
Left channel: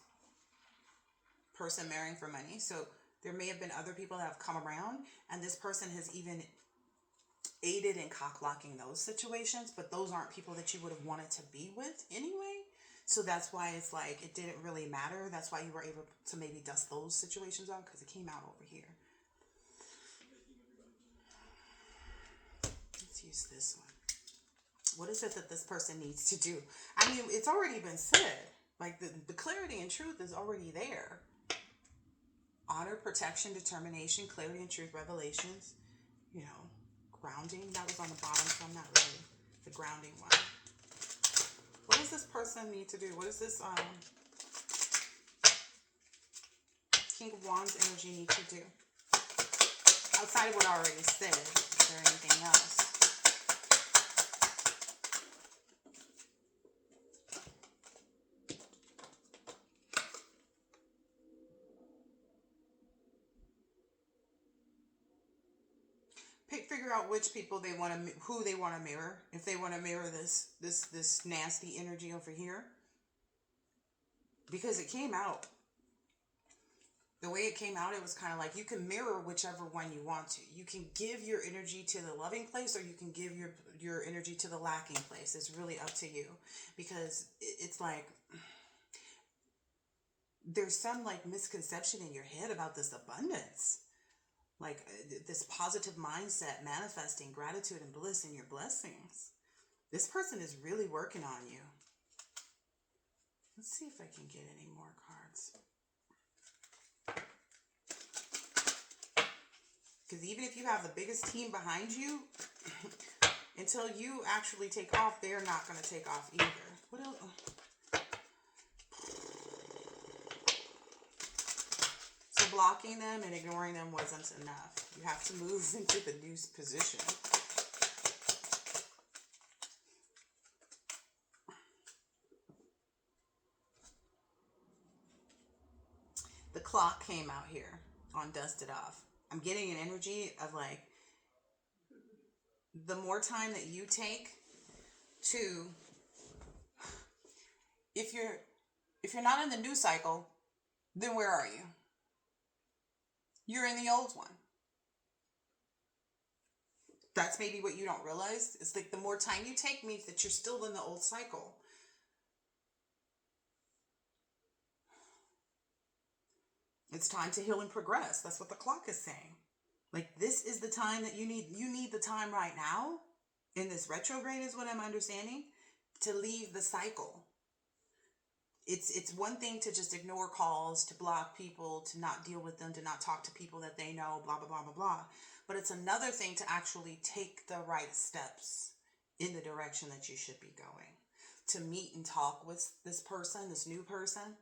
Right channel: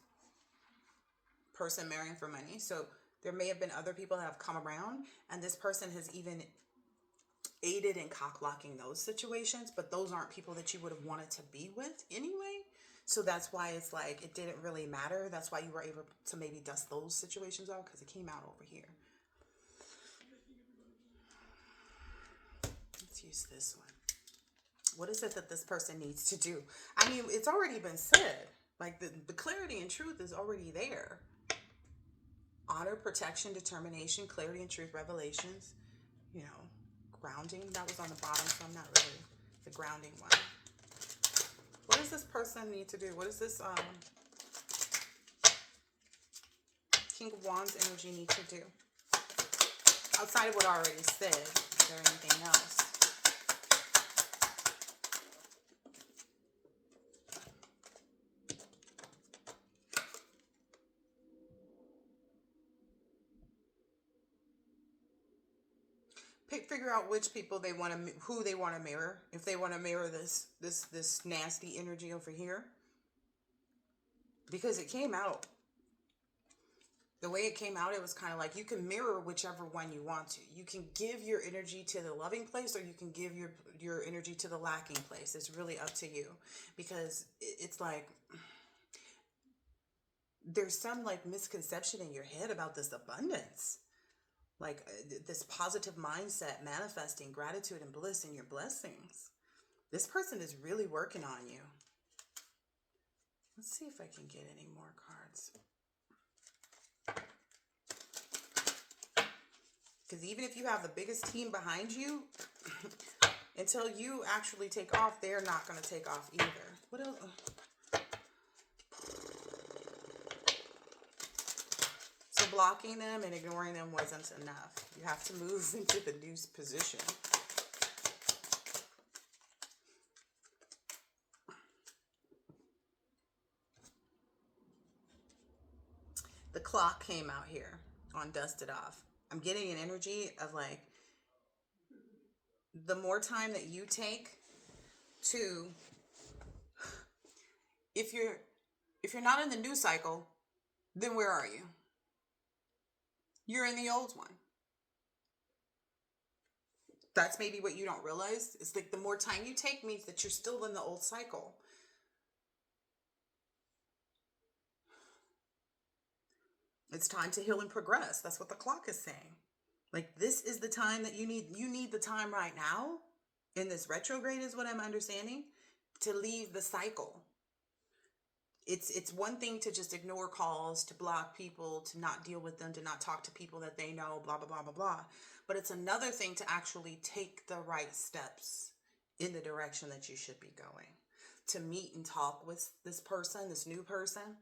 person marrying for money. So there may have been other people that have come around, and this person has even aided in cock blocking those situations, but those aren't people that you would have wanted to be with anyway. So that's why it's like, it didn't really matter. That's why you were able to maybe dust those situations out, because it came out over here. Let's use this one. What is it that this person needs to do? I mean, it's already been said. Like, the clarity and truth is already there. Honor, protection, determination, clarity and truth, revelations, you know, grounding. That was on the bottom, so I'm not really the grounding one. What does this person need to do? What does this King of Wands energy need to do? Outside of what I already said, is there anything else? Figure out which people they want to, who they want to mirror. If they want to mirror this nasty energy over here, because it came out the way it came out. It was kind of like, you can mirror whichever one you want to. You can give your energy to the loving place, or you can give your energy to the lacking place. It's really up to you, because it's like, there's some like misconception in your head about this abundance. Like, this positive mindset, manifesting gratitude and bliss in your blessings. This person is really working on you. Let's see if I can get any more cards. Because even if you have the biggest team behind you, until you actually take off, they're not going to take off either. What else? So blocking them and ignoring them wasn't enough. You have to move into the new position. The clock came out here on Dusted Off. I'm getting an energy of like, the more time that you take to, if you're not in the new cycle, then where are you? You're in the old one. That's maybe what you don't realize. It's like the more time you take means that you're still in the old cycle. It's time to heal and progress. That's what the clock is saying. Like, this is the time that you need the time right now in this retrograde, is what I'm understanding, to leave the cycle. It's one thing to just ignore calls, to block people, to not deal with them, to not talk to people that they know, blah, blah, blah, blah, blah. But it's another thing to actually take the right steps in the direction that you should be going. To meet and talk with this person, this new person,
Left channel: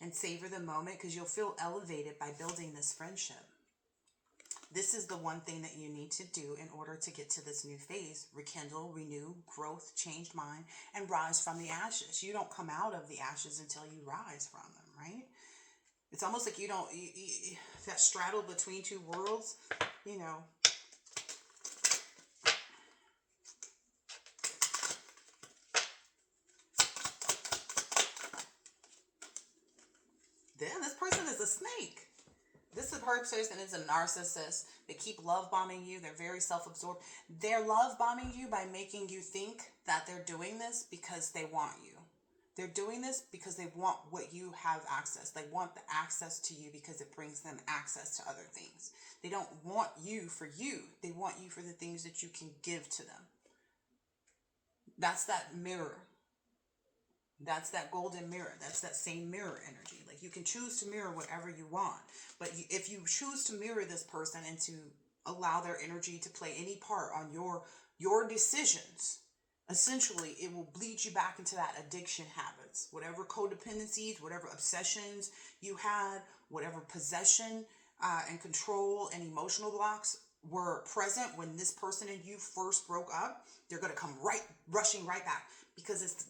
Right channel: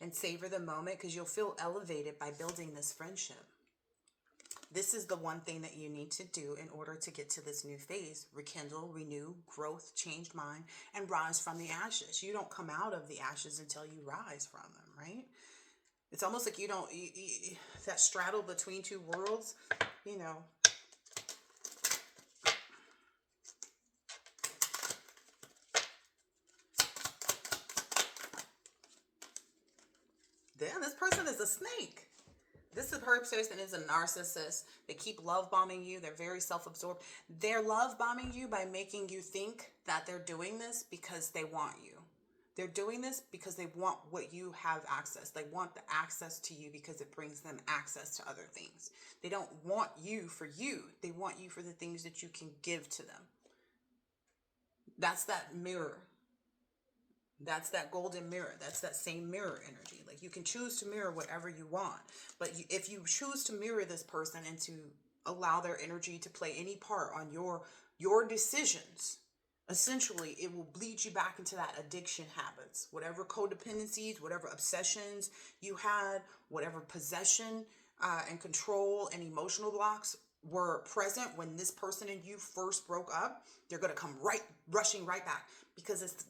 and savor the moment, because you'll feel elevated by building this friendship. This is the one thing that you need to do in order to get to this new phase: rekindle, renew, growth, changed mind, and rise from the ashes. You don't come out of the ashes until you rise from them, right? It's almost like you don't, that straddle between two worlds, you know. Damn, this person is a snake. This person is a narcissist. They keep love bombing you. They're very self-absorbed. They're love bombing you by making you think that they're doing this because they want you. They're doing this because they want what you have access. They want the access to you because it brings them access to other things. They don't want you for you. They want you for the things that you can give to them. That's that mirror. That's that golden mirror. That's that same mirror energy. Like, you can choose to mirror whatever you want. But if you choose to mirror this person and to allow their energy to play any part on your decisions, essentially it will bleed you back into that addiction habits. Whatever codependencies, whatever obsessions you had, whatever possession and control and emotional blocks were present when this person and you first broke up, they're going to come rushing right back, because it's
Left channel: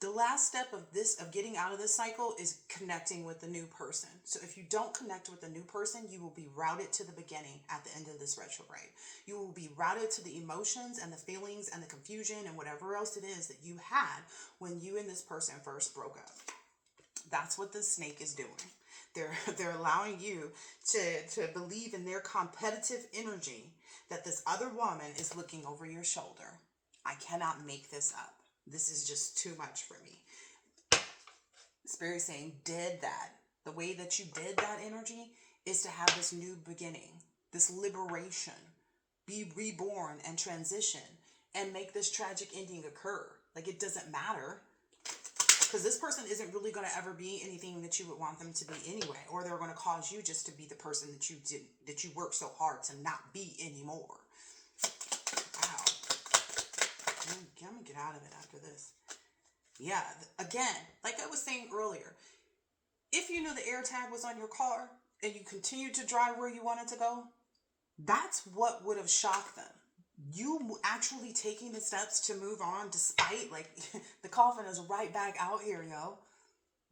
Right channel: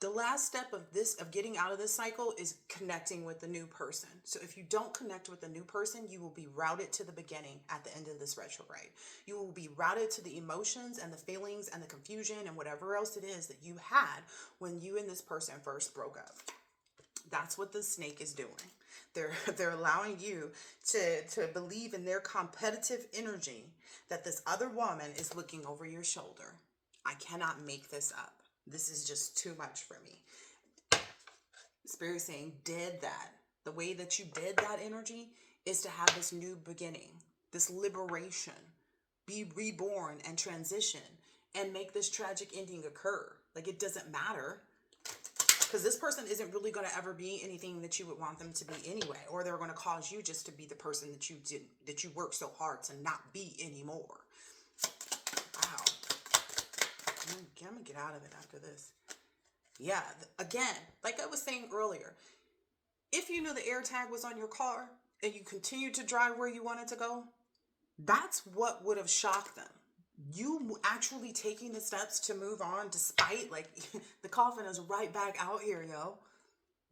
the last step of getting out of this cycle is connecting with the new person. So if you don't connect with the new person, you will be routed to the beginning at the end of this retrograde. You will be routed to the emotions and the feelings and the confusion and whatever else it is that you had when you and this person first broke up. That's what the snake is doing. They're allowing you to believe in their competitive energy, that this other woman is looking over your shoulder. I cannot make this up. This is just too much for me. Spirit saying, did that. The way that you did that energy is to have this new beginning, this liberation, be reborn and transition, and make this tragic ending occur. Like, it doesn't matter, because this person isn't really going to ever be anything that you would want them to be anyway, or they're going to cause you just to be the person that you worked so hard to not be anymore. Wow. I'm going to get out of it after this. Yeah, again, like I was saying earlier, if you knew the air tag was on your car and you continued to drive where you wanted to go, that's what would have shocked them. You actually taking the steps to move on despite, like, the coffin is right back out here, yo.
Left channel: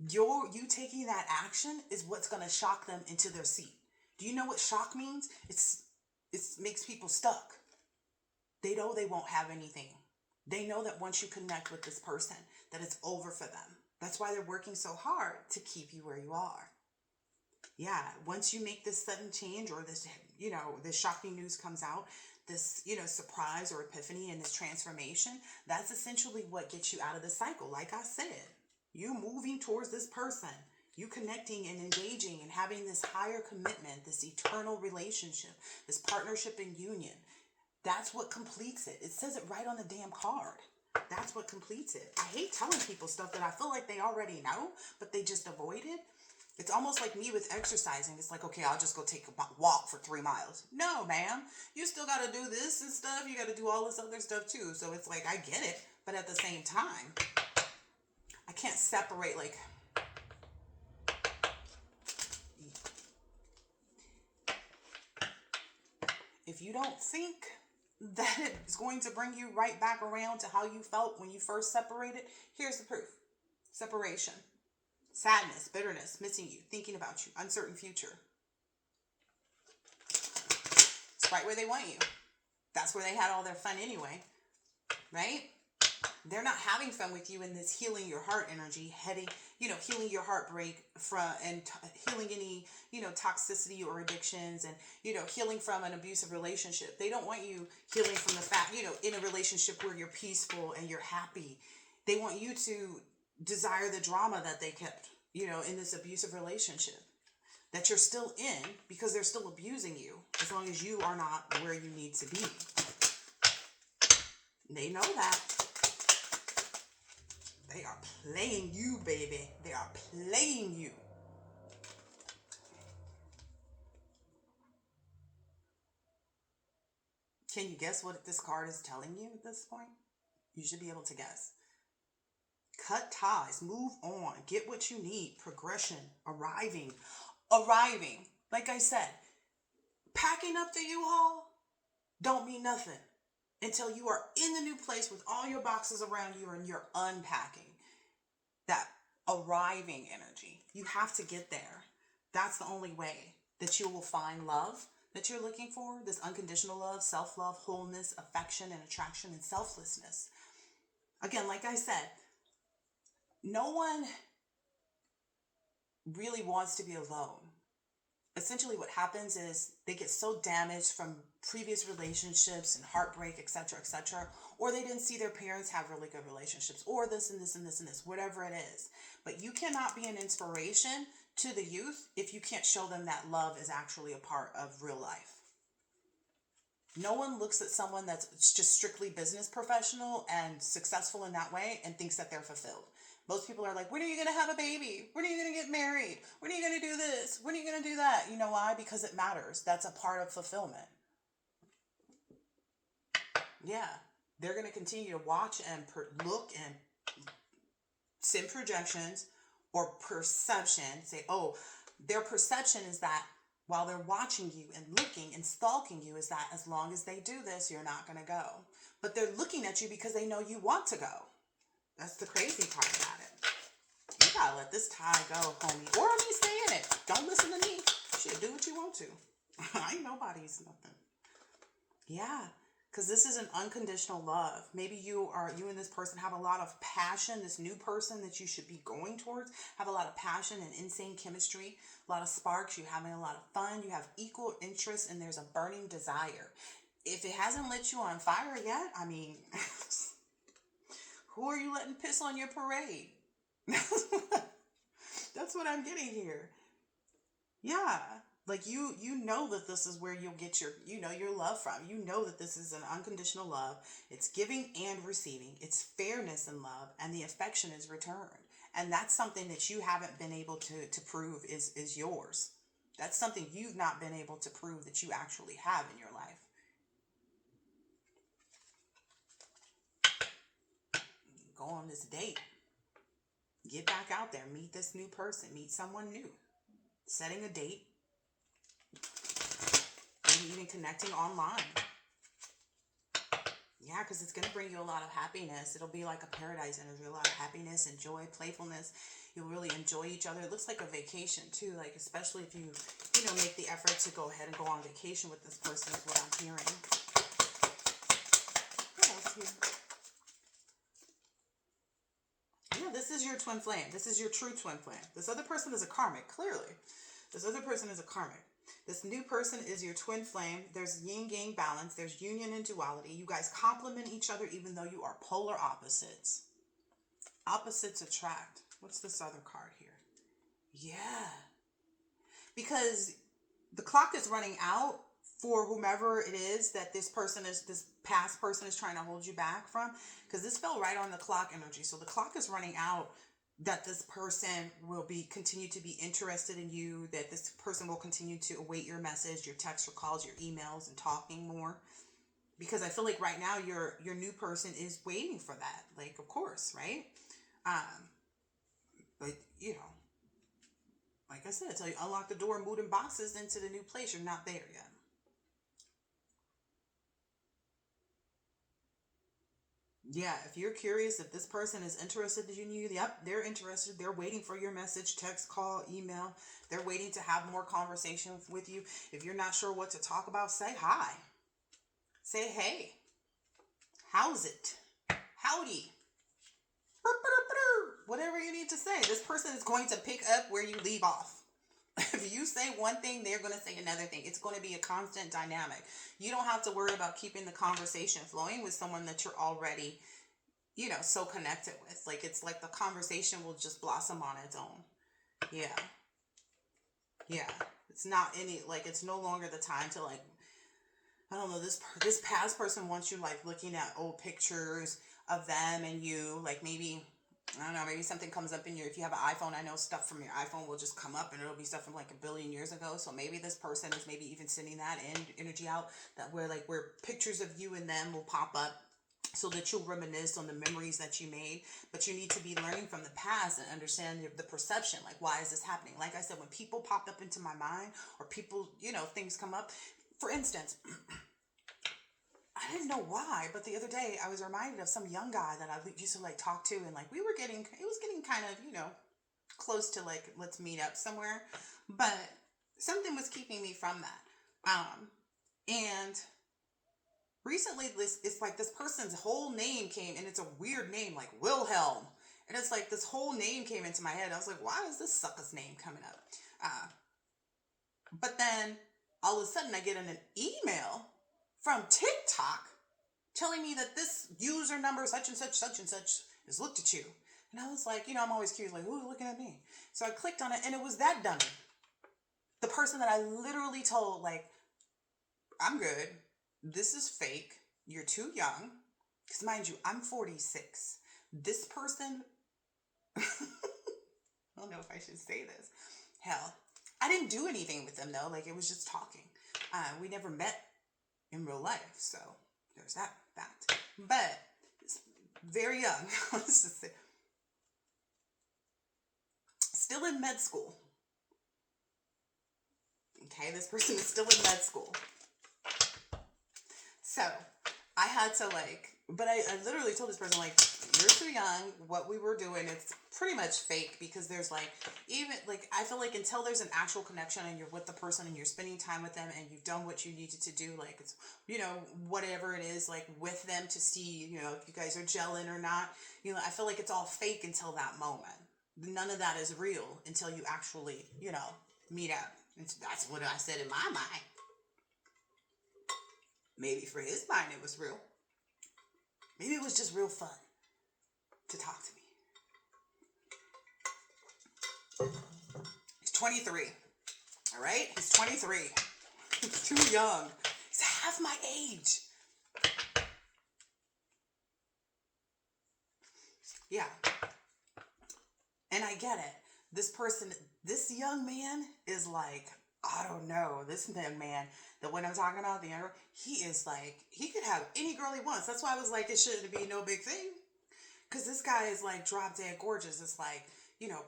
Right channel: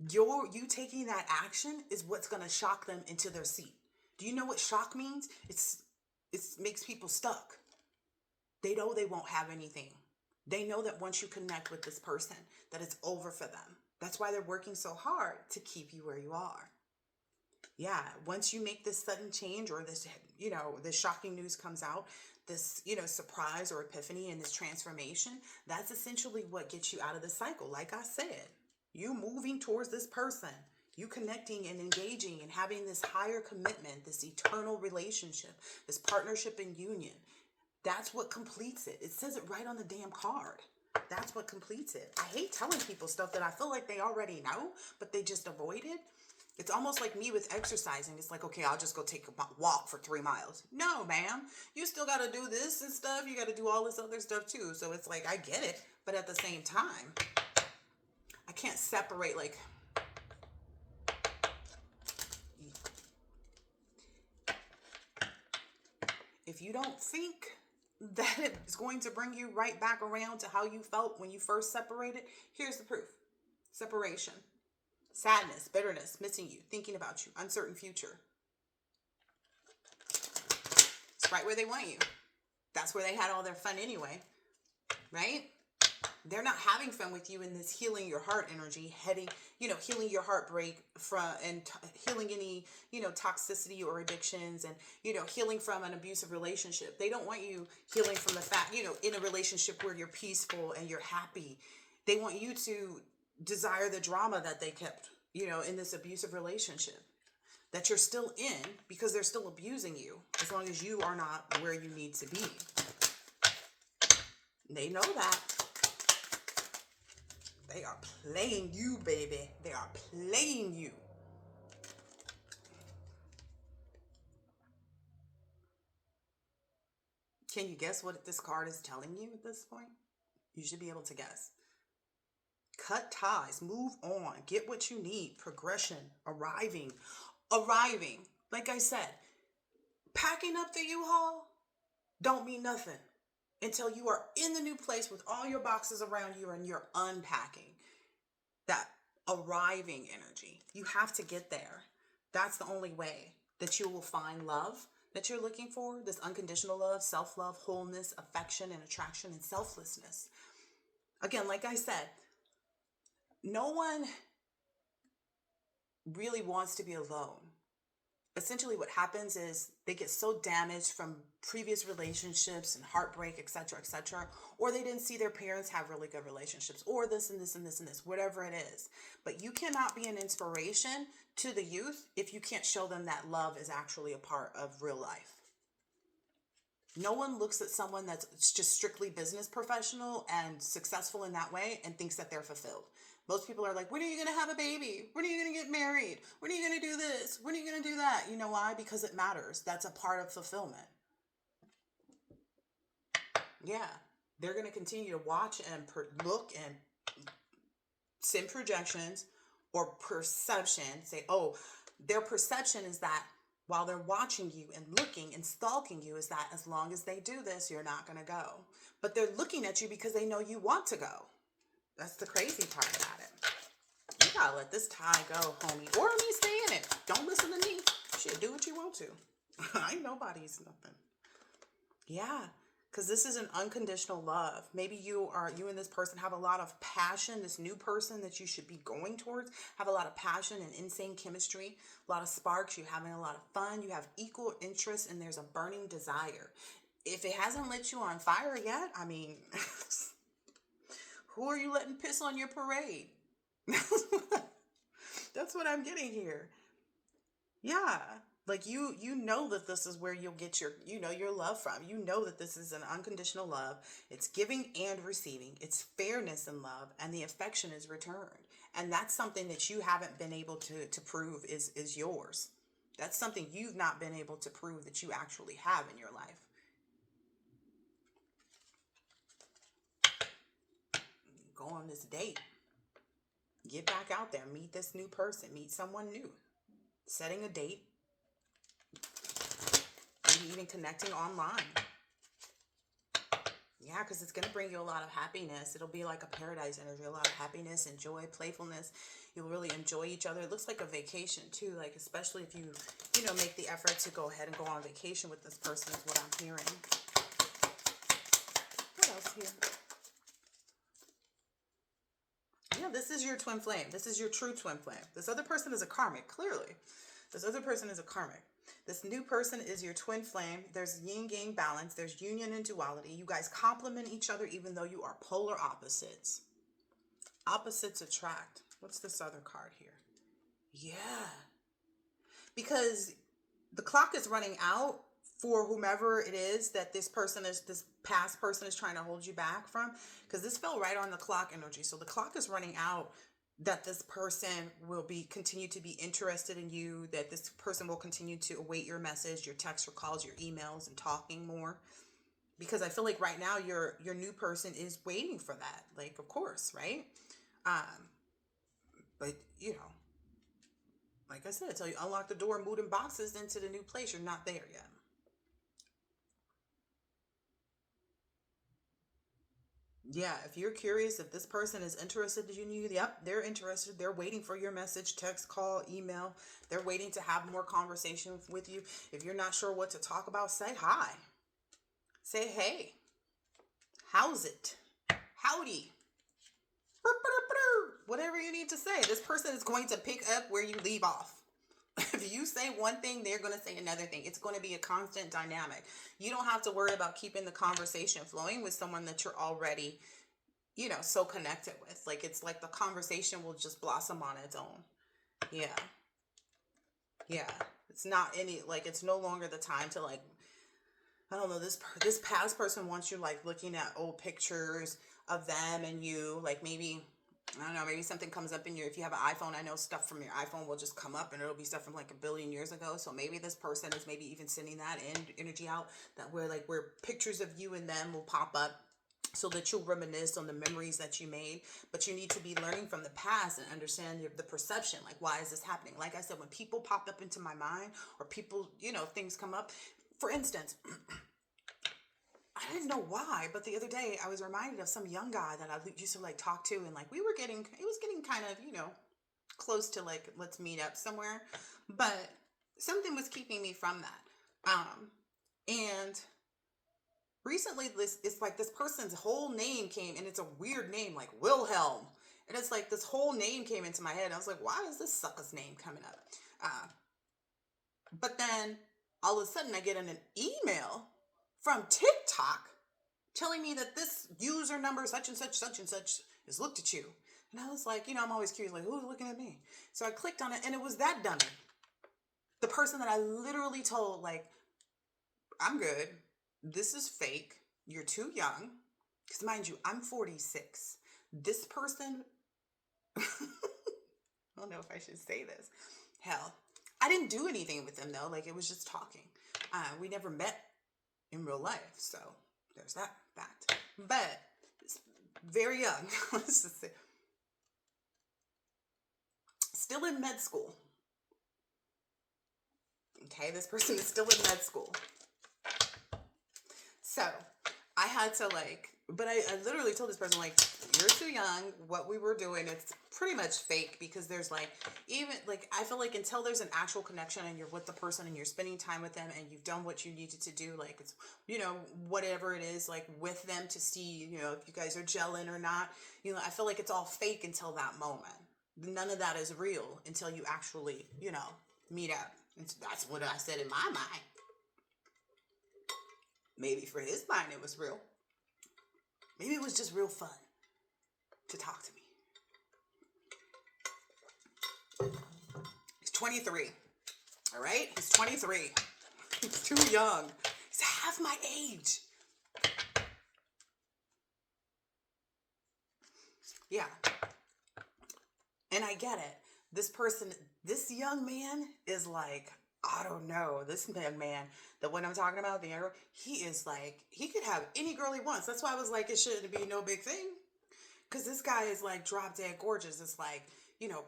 You taking that action is what's going to shock them into their seat. Do you know what shock means? It makes people stuck. They know they won't have anything. They know that once you connect with this person, that it's over for them. That's why they're working so hard to keep you where you are. Yeah, once you make this sudden change, or this, this shocking news comes out, this, surprise or epiphany and this transformation, that's essentially what gets you out of the cycle. Like I said, you moving towards this person, you connecting and engaging and having this higher commitment, this eternal relationship, this partnership and union. That's what completes it. It says it right on the damn card. That's what completes it. I hate telling people stuff that I feel like they already know, but they just avoid it. It's almost like me with exercising. It's like, okay, I'll just go take a walk for 3 miles. No, ma'am. You still got to do this and stuff. You got to do all this other stuff too. So it's like, I get it. But at the same time, I can't separate, like, if you don't think that it's going to bring you right back around to how you felt when you first separated, here's the proof. Separation. sadness, bitterness, missing you, thinking about you, uncertain future. It's right where they want you. That's where they had all their fun anyway, right? They're not having fun with you in this healing your heart energy, heading, healing your heartbreak and healing any, toxicity or addictions, and, healing from an abusive relationship. They don't want you healing from the fact, in a relationship where you're peaceful and you're happy. They want you to desire the drama that they kept, in this abusive relationship that you're still in, because they're still abusing you as long as you are not where you need to be. They know that. They are playing you, baby. They are playing you. Can you guess what this card is telling you at this point? You should be able to guess. Cut ties, move on, get what you need, progression, arriving. Like I said, packing up the U-Haul don't mean nothing until you are in the new place with all your boxes around you and you're unpacking. That arriving energy. You have to get there. That's the only way that you will find love that you're looking for. This unconditional love, self-love, wholeness, affection, and attraction, and selflessness. Again, like I said, no one really wants to be alone. Essentially what happens is they get so damaged from previous relationships and heartbreak, etc., or they didn't see their parents have really good relationships, or this and this and this and this, whatever it is. But you cannot be an inspiration to the youth if you can't show them that love is actually a part of real life. No one looks at someone that's just strictly business professional and successful in that way and thinks that they're fulfilled. Most people are like, when are you going to have a baby? When are you going to get married? When are you going to do this? When are you going to do that? You know why? Because it matters. That's a part of fulfillment. Yeah. They're going to continue to watch and look and send projections or perception. Say, oh, their perception is that while they're watching you and looking and stalking you, is that as long as they do this, you're not going to go. But they're looking at you because they know you want to go. That's the crazy part about it. You gotta let this tie go, homie. Or at least stay in it. Don't listen to me. Shit, do what you want to. I ain't nobody's nothing. Yeah, because this is an unconditional love. Maybe you and this person have a lot of passion. This new person that you should be going towards have a lot of passion and insane chemistry. A lot of sparks. You're having a lot of fun. You have equal interest, and there's a burning desire. If it hasn't lit you on fire yet, I mean... Who are you letting piss on your parade? That's what I'm getting here. Yeah. Like you know that this is where you'll get your love from. You know that this is an unconditional love. It's giving and receiving. It's fairness in love, and the affection is returned. And that's something that you haven't been able to prove is yours. That's something you've not been able to prove that you actually have in your life. Go on this date. Get back out there. Meet this new person. Meet someone new. Setting a date. Maybe even connecting online. Yeah, because it's going to bring you a lot of happiness. It'll be like a paradise energy. A lot of happiness and joy, playfulness. You'll really enjoy each other. It looks like a vacation too. Like especially if you make the effort to go ahead and go on vacation with this person is what I'm hearing. What else here? This is your twin flame. This is your true twin flame. This other person is a karmic, clearly. This other person is a karmic. This new person is your twin flame. There's yin-yang balance. There's union and duality. You guys complement each other even though you are polar opposites. Opposites attract. What's this other card here? Yeah. Because the clock is running out for whomever it is that this past person is trying to hold you back from, because this fell right on the clock energy. So the clock is running out, that this person will continue to be interested in you, that this person will continue to await your message, your texts, your calls, your emails, and talking more. Because I feel like right now your new person is waiting for that. Like, of course, right? But like I said, until you unlock the door and move in boxes into the new place, you're not there yet. Yeah, if you're curious if this person is interested in you, yep, they're interested. They're waiting for your message, text, call, email. They're waiting to have more conversation with you. If you're not sure what to talk about, say hi. Say hey. How's it? Howdy. Whatever you need to say. This person is going to pick up where you leave off. If you say one thing, they're going to say another thing. It's going to be a constant dynamic. You don't have to worry about keeping the conversation flowing with someone that you're already, so connected with. Like, it's like the conversation will just blossom on its own. Yeah. Yeah. It's not any, like, it's no longer the time to, like, I don't know, this past person wants you, like, looking at old pictures of them and you, like, maybe, I don't know, maybe something comes up in your, if you have an iPhone, I know stuff from your iPhone will just come up and it'll be stuff from like a billion years ago. So maybe this person is maybe even sending that energy out, that where pictures of you and them will pop up so that you'll reminisce on the memories that you made. But you need to be learning from the past and understand the perception. Like, why is this happening? Like I said, when people pop up into my mind or people, things come up, for instance, I didn't know why, but the other day I was reminded of some young guy that I used to like talk to, and like it was getting kind of, close to like, let's meet up somewhere, but something was keeping me from that. And recently it's like this person's whole name came, and it's a weird name, like Wilhelm. And it's like this whole name came into my head. I was like, why is this sucker's name coming up? But then all of a sudden I get an email from TikTok telling me that this user number, such and such, has looked at you. And I was like, I'm always curious, like, who's looking at me? So I clicked on it, and it was that dummy. The person that I literally told, like, I'm good. This is fake. You're too young. Because mind you, I'm 46. This person, I don't know if I should say this. Hell, I didn't do anything with them, though. Like, it was just talking. We never met in real life, so there's that fact. But it's very young. Let's just say, still in med school. Okay, this person is still in med school. So I had to but I literally told this person, like, you're too young. What we were doing, it's pretty much fake, because there's I feel like until there's an actual connection and you're with the person and you're spending time with them and you've done what you needed to do, like, it's, whatever it is, like, with them to see, if you guys are gelling or not, I feel like it's all fake until that moment. None of that is real until you actually, meet up. And that's what I said in my mind. Maybe for his mind it was real. Maybe it was just real fun to talk to me. He's 23. All right? He's 23. He's too young. He's half my age. Yeah. And I get it. This young man is like, I don't know, this man, the one I'm talking about, he is like, he could have any girl he wants. That's why I was like, it shouldn't be no big thing. Because this guy is like drop dead gorgeous. It's like,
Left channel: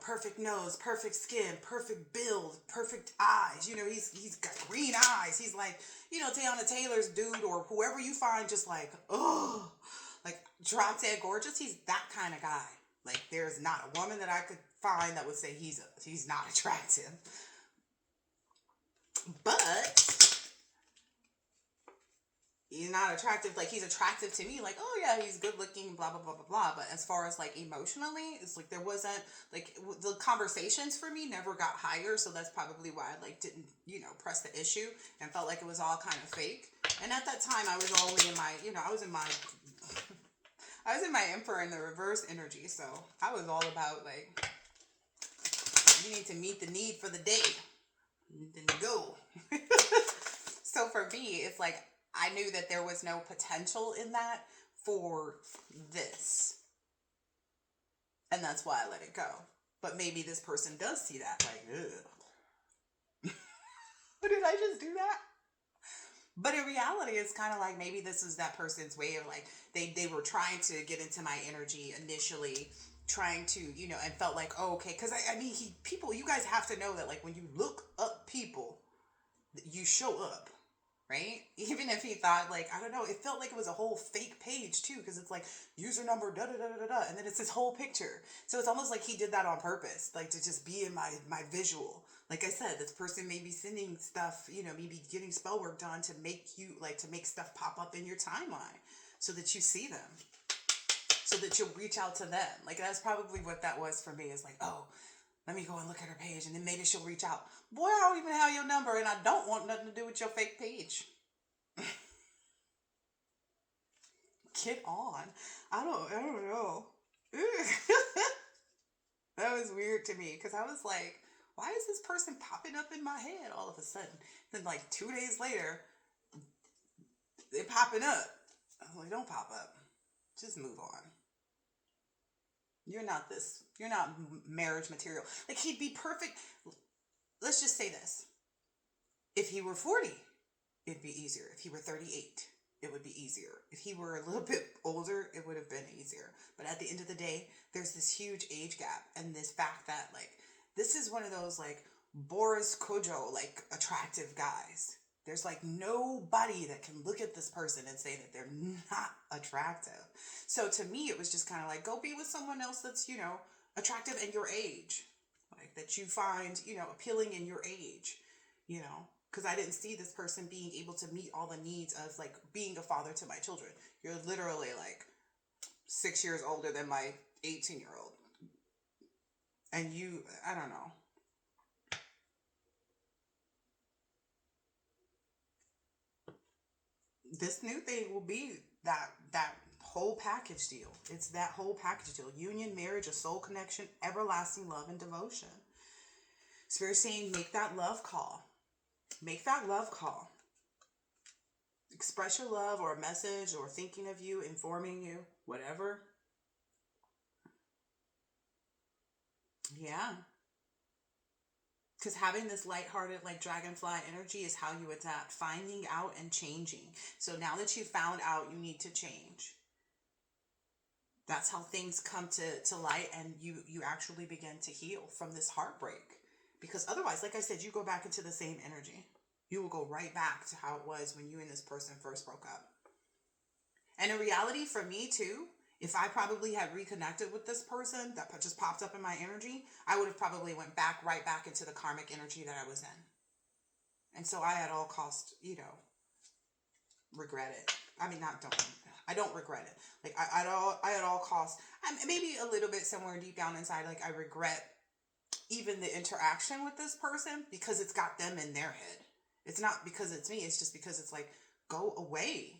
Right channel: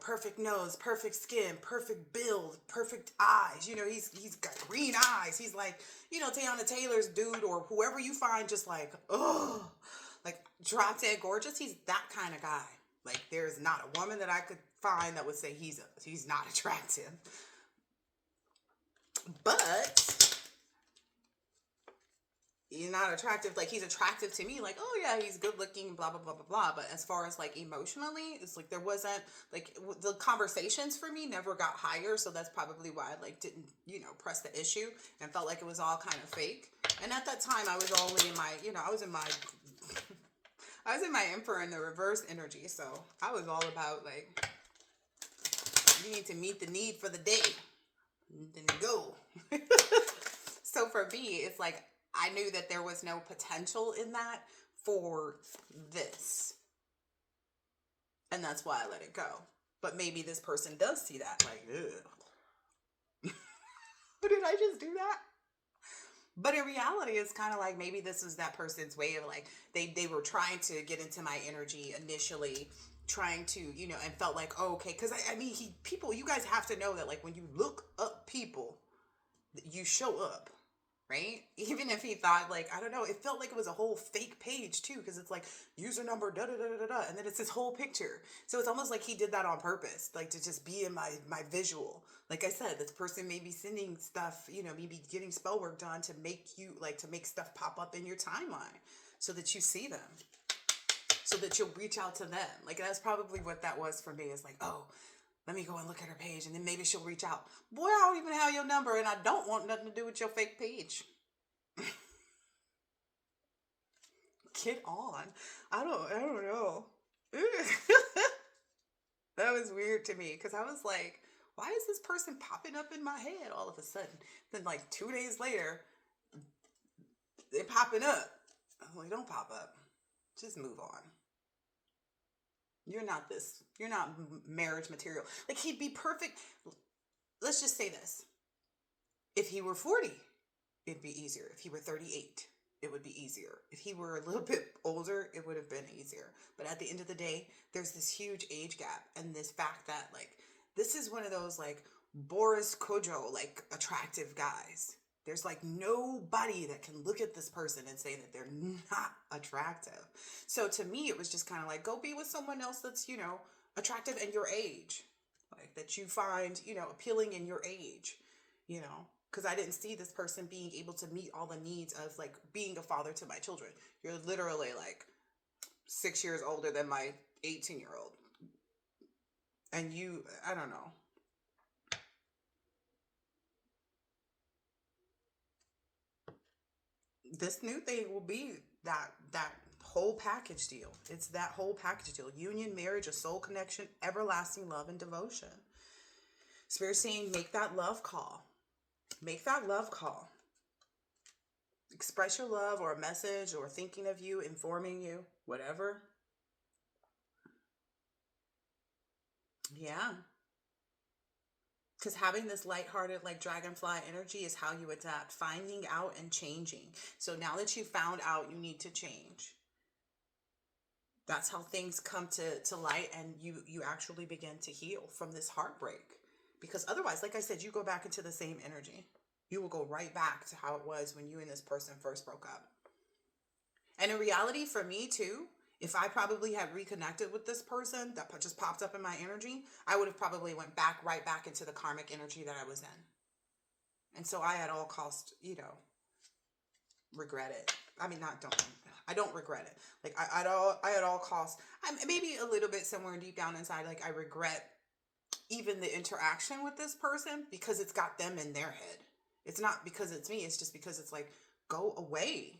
perfect nose, perfect skin, perfect build, perfect eyes. He's got green eyes. He's like, Tiana Taylor's dude, or whoever you find, just like, oh, like drop dead gorgeous. He's that kind of guy. Like, there's not a woman that I could find that would say he's not attractive. But he's not attractive. Like, he's attractive to me. Like, oh yeah, he's good looking, blah, blah, blah, blah, blah. But as far as like emotionally, it's like there wasn't, like, the conversations for me never got higher. So that's probably why I like didn't, press the issue, and felt like it was all kind of fake. And at that time I was only in my, I was in my Emperor in the reverse energy. So I was all about like, you need to meet the need for the day. Then go. So for me, it's like, I knew that there was no potential in that for this. And that's why I let it go. But maybe this person does see that, like, ugh. Did I just do that? But in reality, it's kind of like, maybe this is that person's way of like, they were trying to get into my energy initially, trying to, and felt like, oh, okay. Because I mean, you guys have to know that, like, when you look up people, you show up. right? Even if he thought, like, I don't know, it felt like it was a whole fake page too, because it's like user number da da da da da, and then it's his whole picture. So it's almost like he did that on purpose, like to just be in my visual. Like I said, this person may be sending stuff, maybe getting spell work done to make you to make stuff pop up in your timeline so that you see them, so that you'll reach out to them. Like that's probably what that was for me. Is like, oh, let me go and look at her page, and then maybe she'll reach out. Boy, I don't even have your number, and I don't want nothing to do with your fake page. Get on. I don't know. That was weird to me because I was like, why is this person popping up in my head all of a sudden? Then like 2 days later, they're popping up. I'm like, don't pop up. Just move on. You're not this. You're not marriage material. Like he'd be perfect. Let's just say this. If he were 40, it'd be easier. If he were 38, it would be easier. If he were a little bit older, it would have been easier. But at the end of the day, there's this huge age gap and this fact that like this is one of those like Boris Kodjoe like attractive guys. There's like nobody that can look at this person and say that they're not attractive. So to me, it was just kind of like, go be with someone else that's, attractive in your age. Like that you find, appealing in your age, because I didn't see this person being able to meet all the needs of like being a father to my children. You're literally like 6 years older than my 18-year-old. And I don't know. This new thing will be that whole package deal. It's that whole package deal. Union, marriage, a soul connection, everlasting love and devotion. Spirit saying, make that love call. Make that love call. Express your love or a message or thinking of you, informing you, whatever. Yeah. Because having this lighthearted, like dragonfly energy is how you adapt, finding out and changing. So now that you found out, you need to change. That's how things come to light, and you actually begin to heal from this heartbreak. Because otherwise, like I said, you go back into the same energy. You will go right back to how it was when you and this person first broke up. And in reality, for me too, if I probably had reconnected with this person that just popped up in my energy, I would have probably went right back into the karmic energy that I was in. And so I at all cost, regret it. I mean, I don't regret it. Like I at all costs, maybe a little bit somewhere deep down inside, like I regret even the interaction with this person because it's got them in their head. It's not because it's me. It's just because it's like, go away.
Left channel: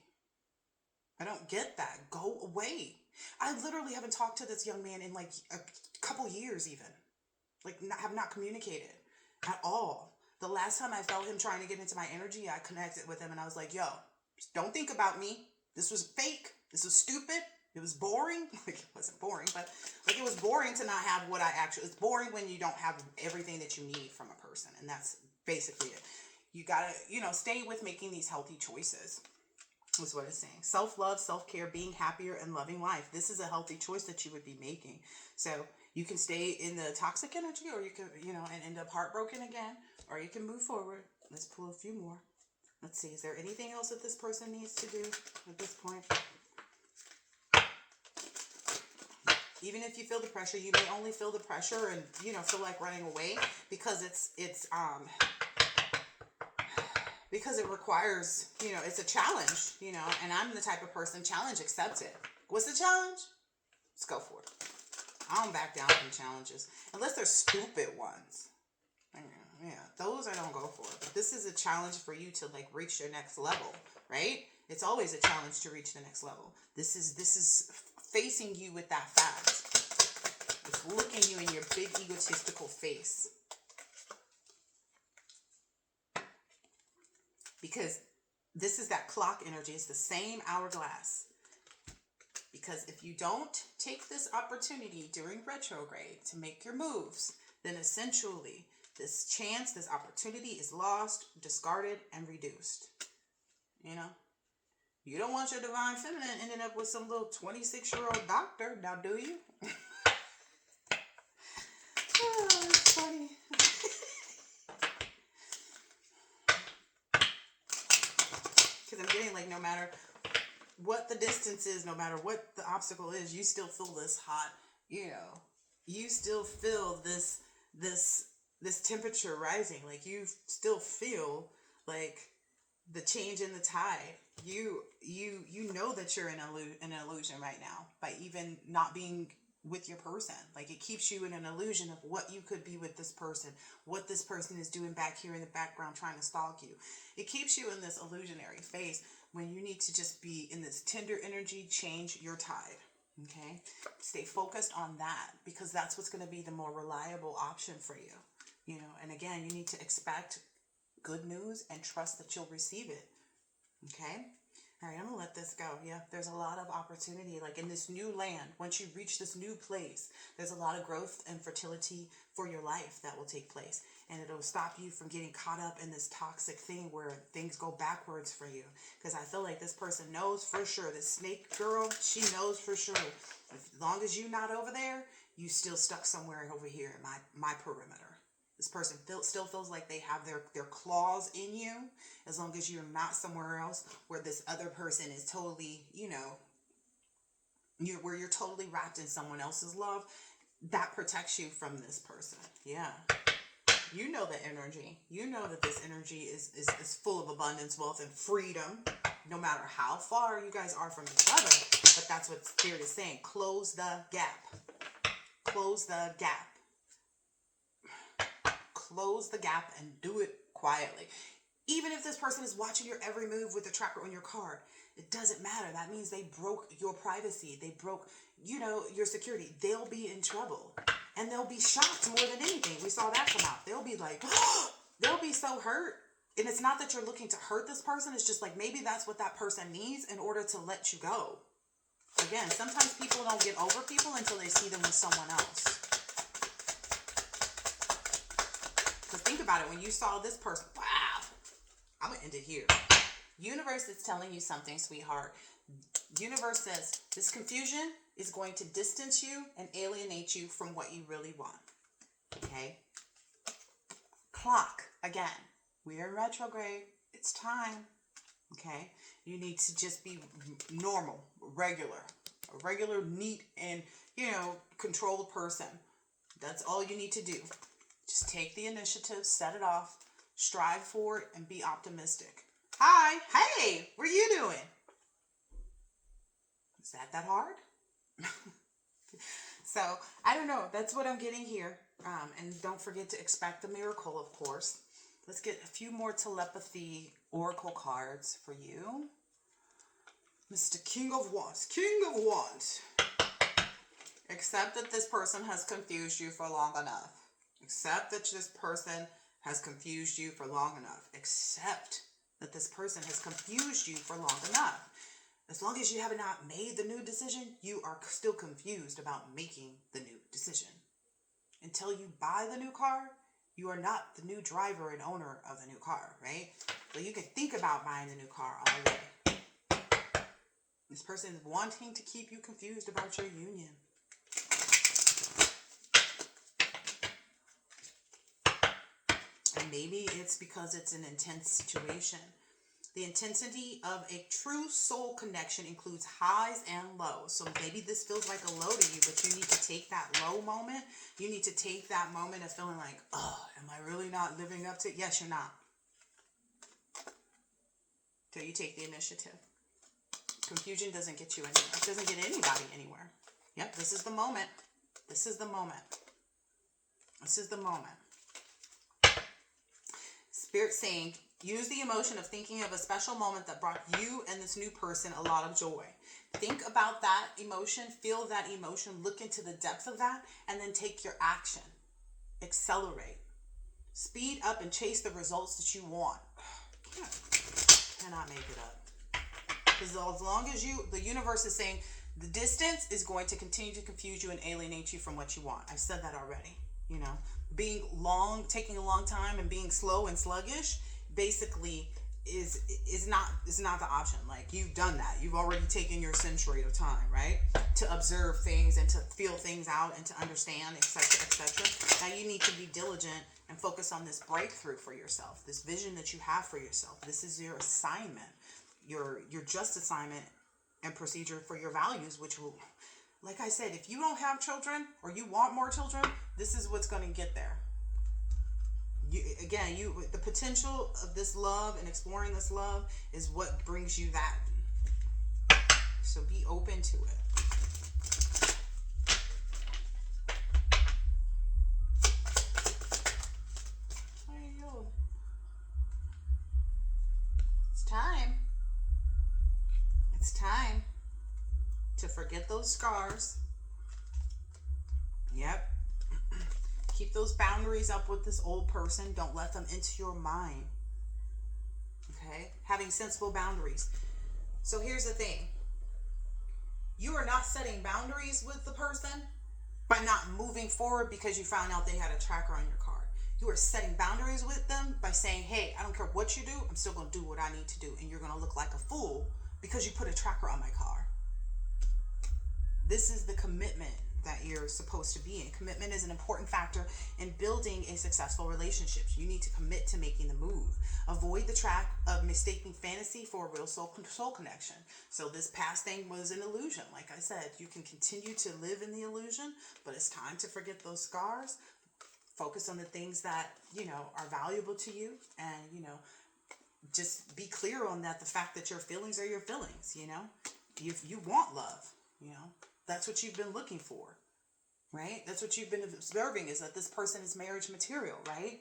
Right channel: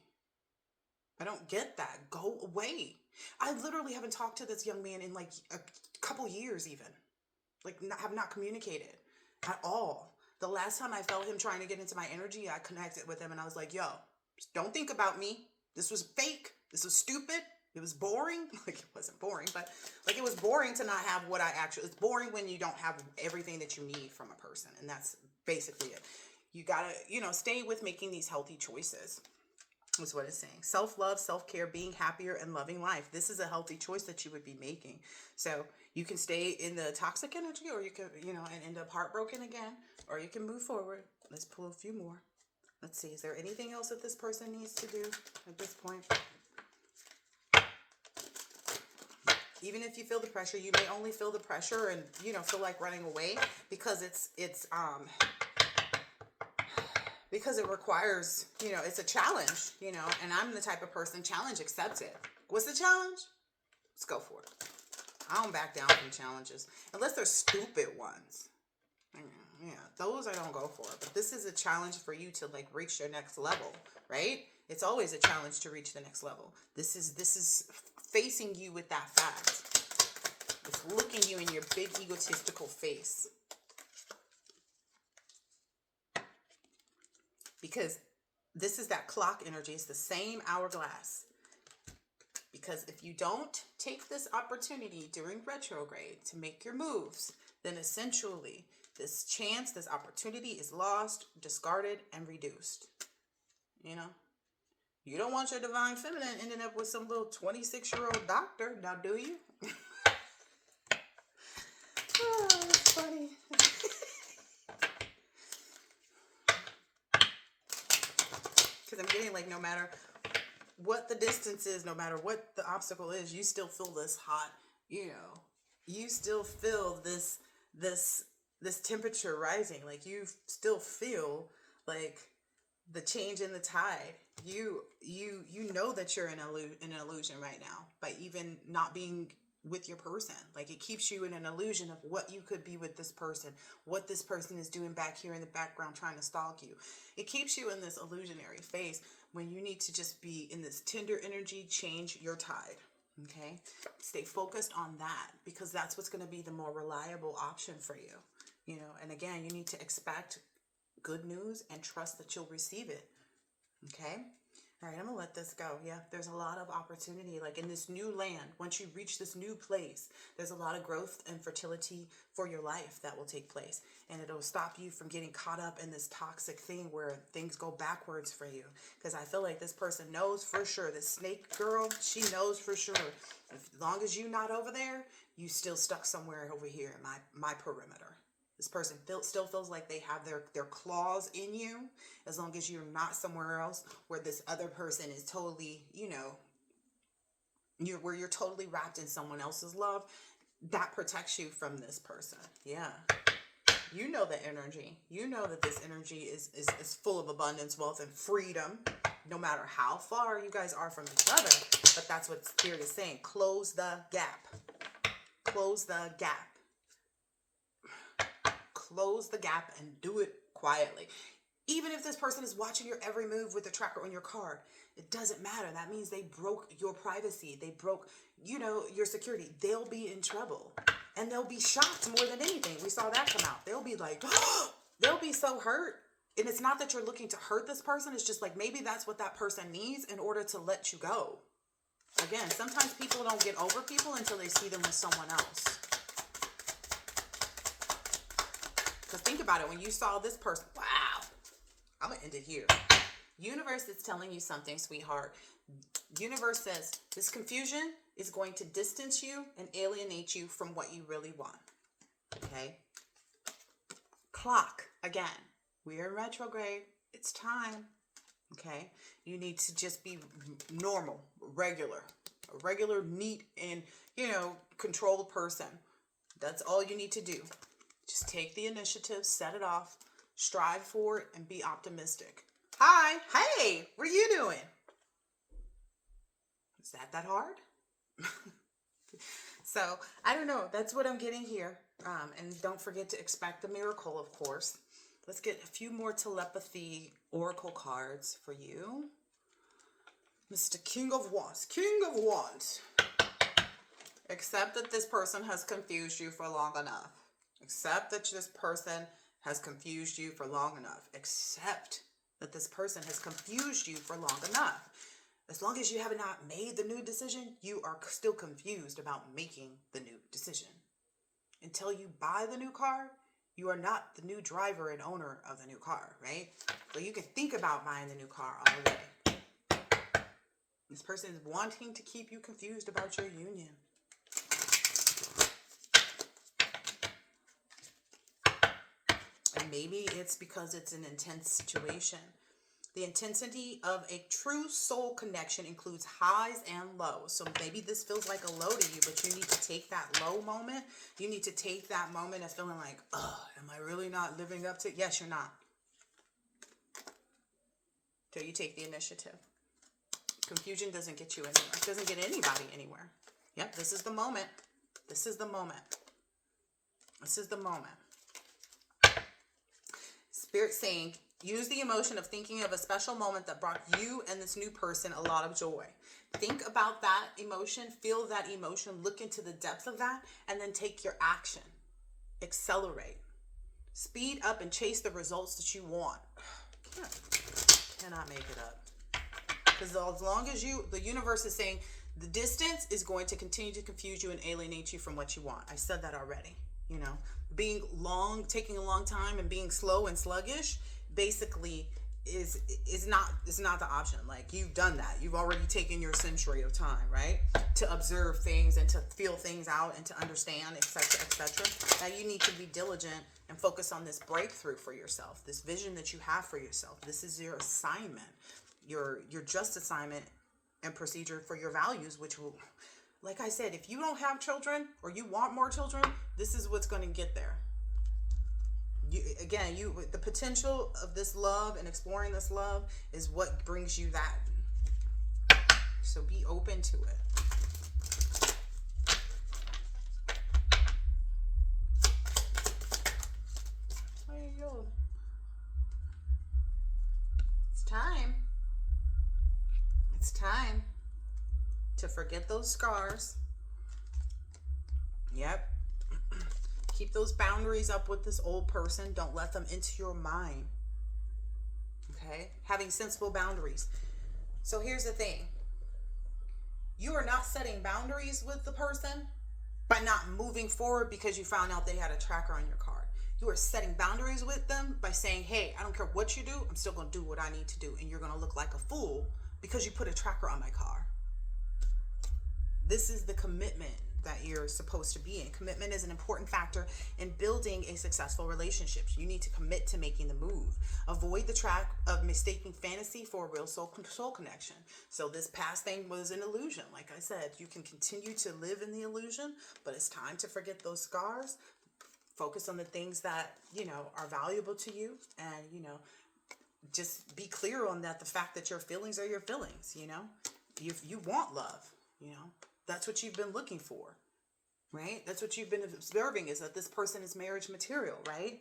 I don't get that. Go away. I literally haven't talked to this young man in like a couple years even. Like have not communicated at all. The last time I felt him trying to get into my energy, I connected with him and I was like, yo, don't think about me. This was fake. This was stupid. It was boring. Like it wasn't boring, but like it was boring to not have what I actually, it's boring when you don't have everything that you need from a person. And that's basically it. You gotta, stay with making these healthy choices. Is what it's saying. Self-love, self-care, being happier and loving life. This is a healthy choice that you would be making. So you can stay in the toxic energy, or you can, and end up heartbroken again, or you can move forward. Let's pull a few more. Let's see. Is there anything else that this person needs to do at this point? Even if you feel the pressure, you may only feel the pressure and, feel like running away because because it requires, it's a challenge, and I'm the type of person, challenge accepted. What's the challenge? Let's go for it. I don't back down from challenges unless they're stupid ones. Yeah, those I don't go for. But this is a challenge for you to like reach your next level, right? It's always a challenge to reach the next level. This is facing you with that fact. It's looking you in your big egotistical face. Because this is that clock energy. It's the same hourglass. Because if you don't take this opportunity during retrograde to make your moves, then essentially this chance, this opportunity is lost, discarded, and reduced. You don't want your divine feminine ending up with some little 26-year-old doctor, now do you? Oh, it's funny. no matter what the distance is, no matter what the obstacle is, you still feel this hot, you still feel this temperature rising. Like, you still feel like the change in the tide. You know that you're in an illusion right now by even not being with your person. Like, it keeps you in an illusion of what you could be with this person, what this person is doing back here in the background trying to stalk you. It keeps you in this illusionary phase when you need to just be in this tender energy. Change your tide. Okay, stay focused on that, because that's what's going to be the more reliable option for you. And again, you need to expect good news and trust that you'll receive it. Okay. All right, I'm going to let this go. Yeah, there's a lot of opportunity. Like, in this new land, once you reach this new place, there's a lot of growth and fertility for your life that will take place. And it'll stop you from getting caught up in this toxic thing where things go backwards for you. Because I feel like this person knows for sure. This snake girl, she knows for sure. As long as you're not over there, you still stuck somewhere over here in my perimeter. This person still feels like they have their claws in you, as long as you're not somewhere else where this other person is totally, where you're totally wrapped in someone else's love. That protects you from this person. Yeah. You know the energy. You know that this energy is full of abundance, wealth, and freedom, no matter how far you guys are from each other. But that's what Spirit is saying. Close the gap. Close the gap. Close the gap and do it quietly. Even if this person is watching your every move with the tracker on your card, it doesn't matter. That means they broke your privacy. They broke, your security. They'll be in trouble. And they'll be shocked more than anything. We saw that come out. They'll be like, they'll be so hurt. And it's not that you're looking to hurt this person. It's just like, maybe that's what that person needs in order to let you go. Again, sometimes people don't get over people until they see them with someone else. So think about it. When you saw this person, wow, I'm going to end it here. Universe is telling you something, sweetheart. Universe says this confusion is going to distance you and alienate you from what you really want. Okay? Clock, again. We're in retrograde. It's time. Okay? You need to just be normal, a regular, neat, and, controlled person. That's all you need to do. Just take the initiative, set it off, strive for it, and be optimistic. Hi, hey, what are you doing? Is that hard? So, I don't know. That's what I'm getting here. And don't forget to expect a miracle, of course. Let's get a few more telepathy oracle cards for you. Mr. King of Wands. King of Wands. Accept that this person has confused you for long enough. Accept that this person has confused you for long enough. Accept that this person has confused you for long enough. As long as you have not made the new decision, you are still confused about making the new decision. Until you buy the new car, you are not the new driver and owner of the new car, right? So you can think about buying the new car all the way. This person is wanting to keep you confused about your union. And maybe it's because it's an intense situation. The intensity of a true soul connection includes highs and lows. So maybe this feels like a low to you, but you need to take that low moment. You need to take that moment of feeling like, am I really not living up to it? Yes, you're not. Till you take the initiative. Confusion doesn't get you anywhere. It doesn't get anybody anywhere. Yep, this is the moment. This is the moment. This is the moment. Spirit saying, use the emotion of thinking of a special moment that brought you and this new person a lot of joy. Think about that emotion, feel that emotion, look into the depth of that, and then take your action. Accelerate. Speed up and chase the results that you want. Cannot make it up. Because as long as the universe is saying the distance is going to continue to confuse you and alienate you from what you want. I said that already. Being long, taking a long time and being slow and sluggish basically is not the option. Like, you've done that. You've already taken your century of time, right? To observe things and to feel things out and to understand, etc., etc. Now you need to be diligent and focus on this breakthrough for yourself, this vision that you have for yourself. This is your assignment. your just assignment and procedure for your values, which will, like I said, if you don't have children or you want more children, this is what's going to get there. The potential of this love and exploring this love is what brings you that. So be open to it. There you go. It's time. It's time to forget those scars. Yep. Keep those boundaries up with this old person. Don't let them into your mind. Okay? Having sensible boundaries. So here's the thing. You are not setting boundaries with the person by not moving forward because you found out they had a tracker on your card. You are setting boundaries with them by saying, hey, I don't care what you do, I'm still going to do what I need to do. And you're going to look like a fool because you put a tracker on my car. This is the commitment that you're supposed to be in. Commitment is an important factor in building a successful relationship. You need to commit to making the move. Avoid the trap of mistaking fantasy for a real soul connection. So this past thing was an illusion. Like I said, you can continue to live in the illusion, but it's time to forget those scars. Focus on the things that, are valuable to you, and, just be clear on that. The fact that your feelings are your feelings, you want love, That's what you've been looking for, right? That's what you've been observing, is that this person is marriage material, right?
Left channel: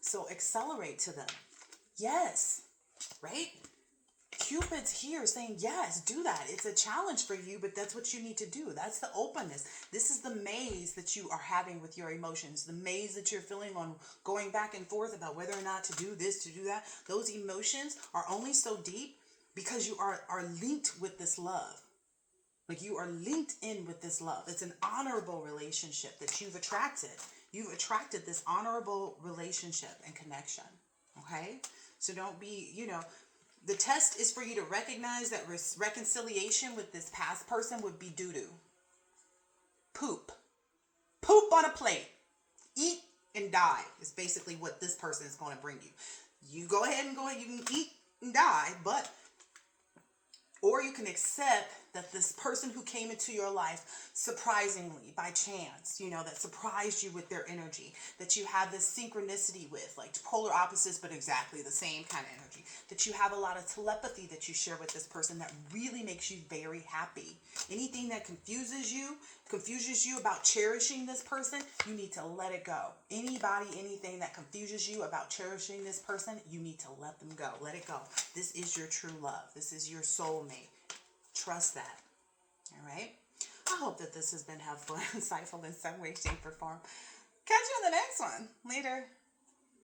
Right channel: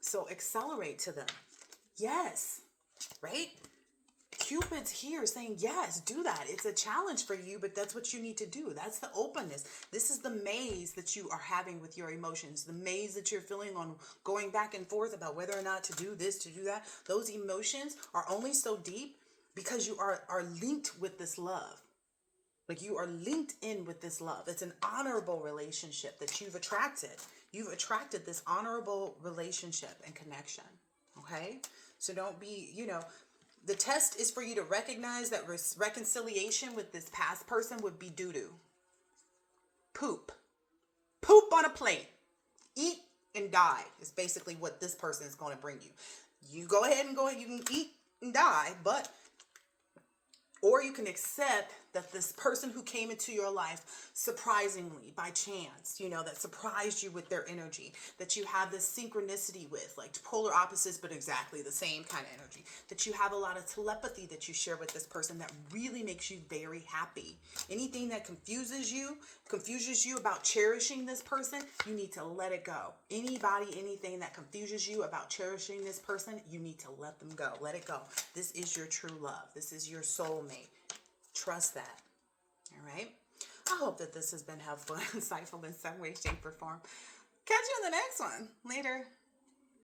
So accelerate to them. Yes, right? Cupid's here saying, yes, do that. It's a challenge for you, but that's what you need to do. That's the openness. This is the maze that you are having with your emotions, the maze that you're feeling on going back and forth about whether or not to do this, to do that. Those emotions are only so deep because you are linked with this love. Like, you are linked in with this love. It's an honorable relationship that you've attracted. You've attracted this honorable relationship and connection. Okay? So don't be, the test is for you to recognize that reconciliation with this past person would be doo-doo. Poop. Poop on a plate. Eat and die is basically what this person is going to bring you. You go ahead, you can eat and die, or you can accept that this person who came into your life surprisingly, by chance, that surprised you with their energy, that you have this synchronicity with, like polar opposites, but exactly the same kind of energy, that you have a lot of telepathy that you share with this person that really makes you very happy. Anything that confuses you about cherishing this person, you need to let it go. Anything that confuses you about cherishing this person, you need to let them go. Let it go. This is your true love. This is your soulmate. Trust that. All right? I hope that this has been helpful and insightful in some way, shape, or form. Catch you in the next one. Later.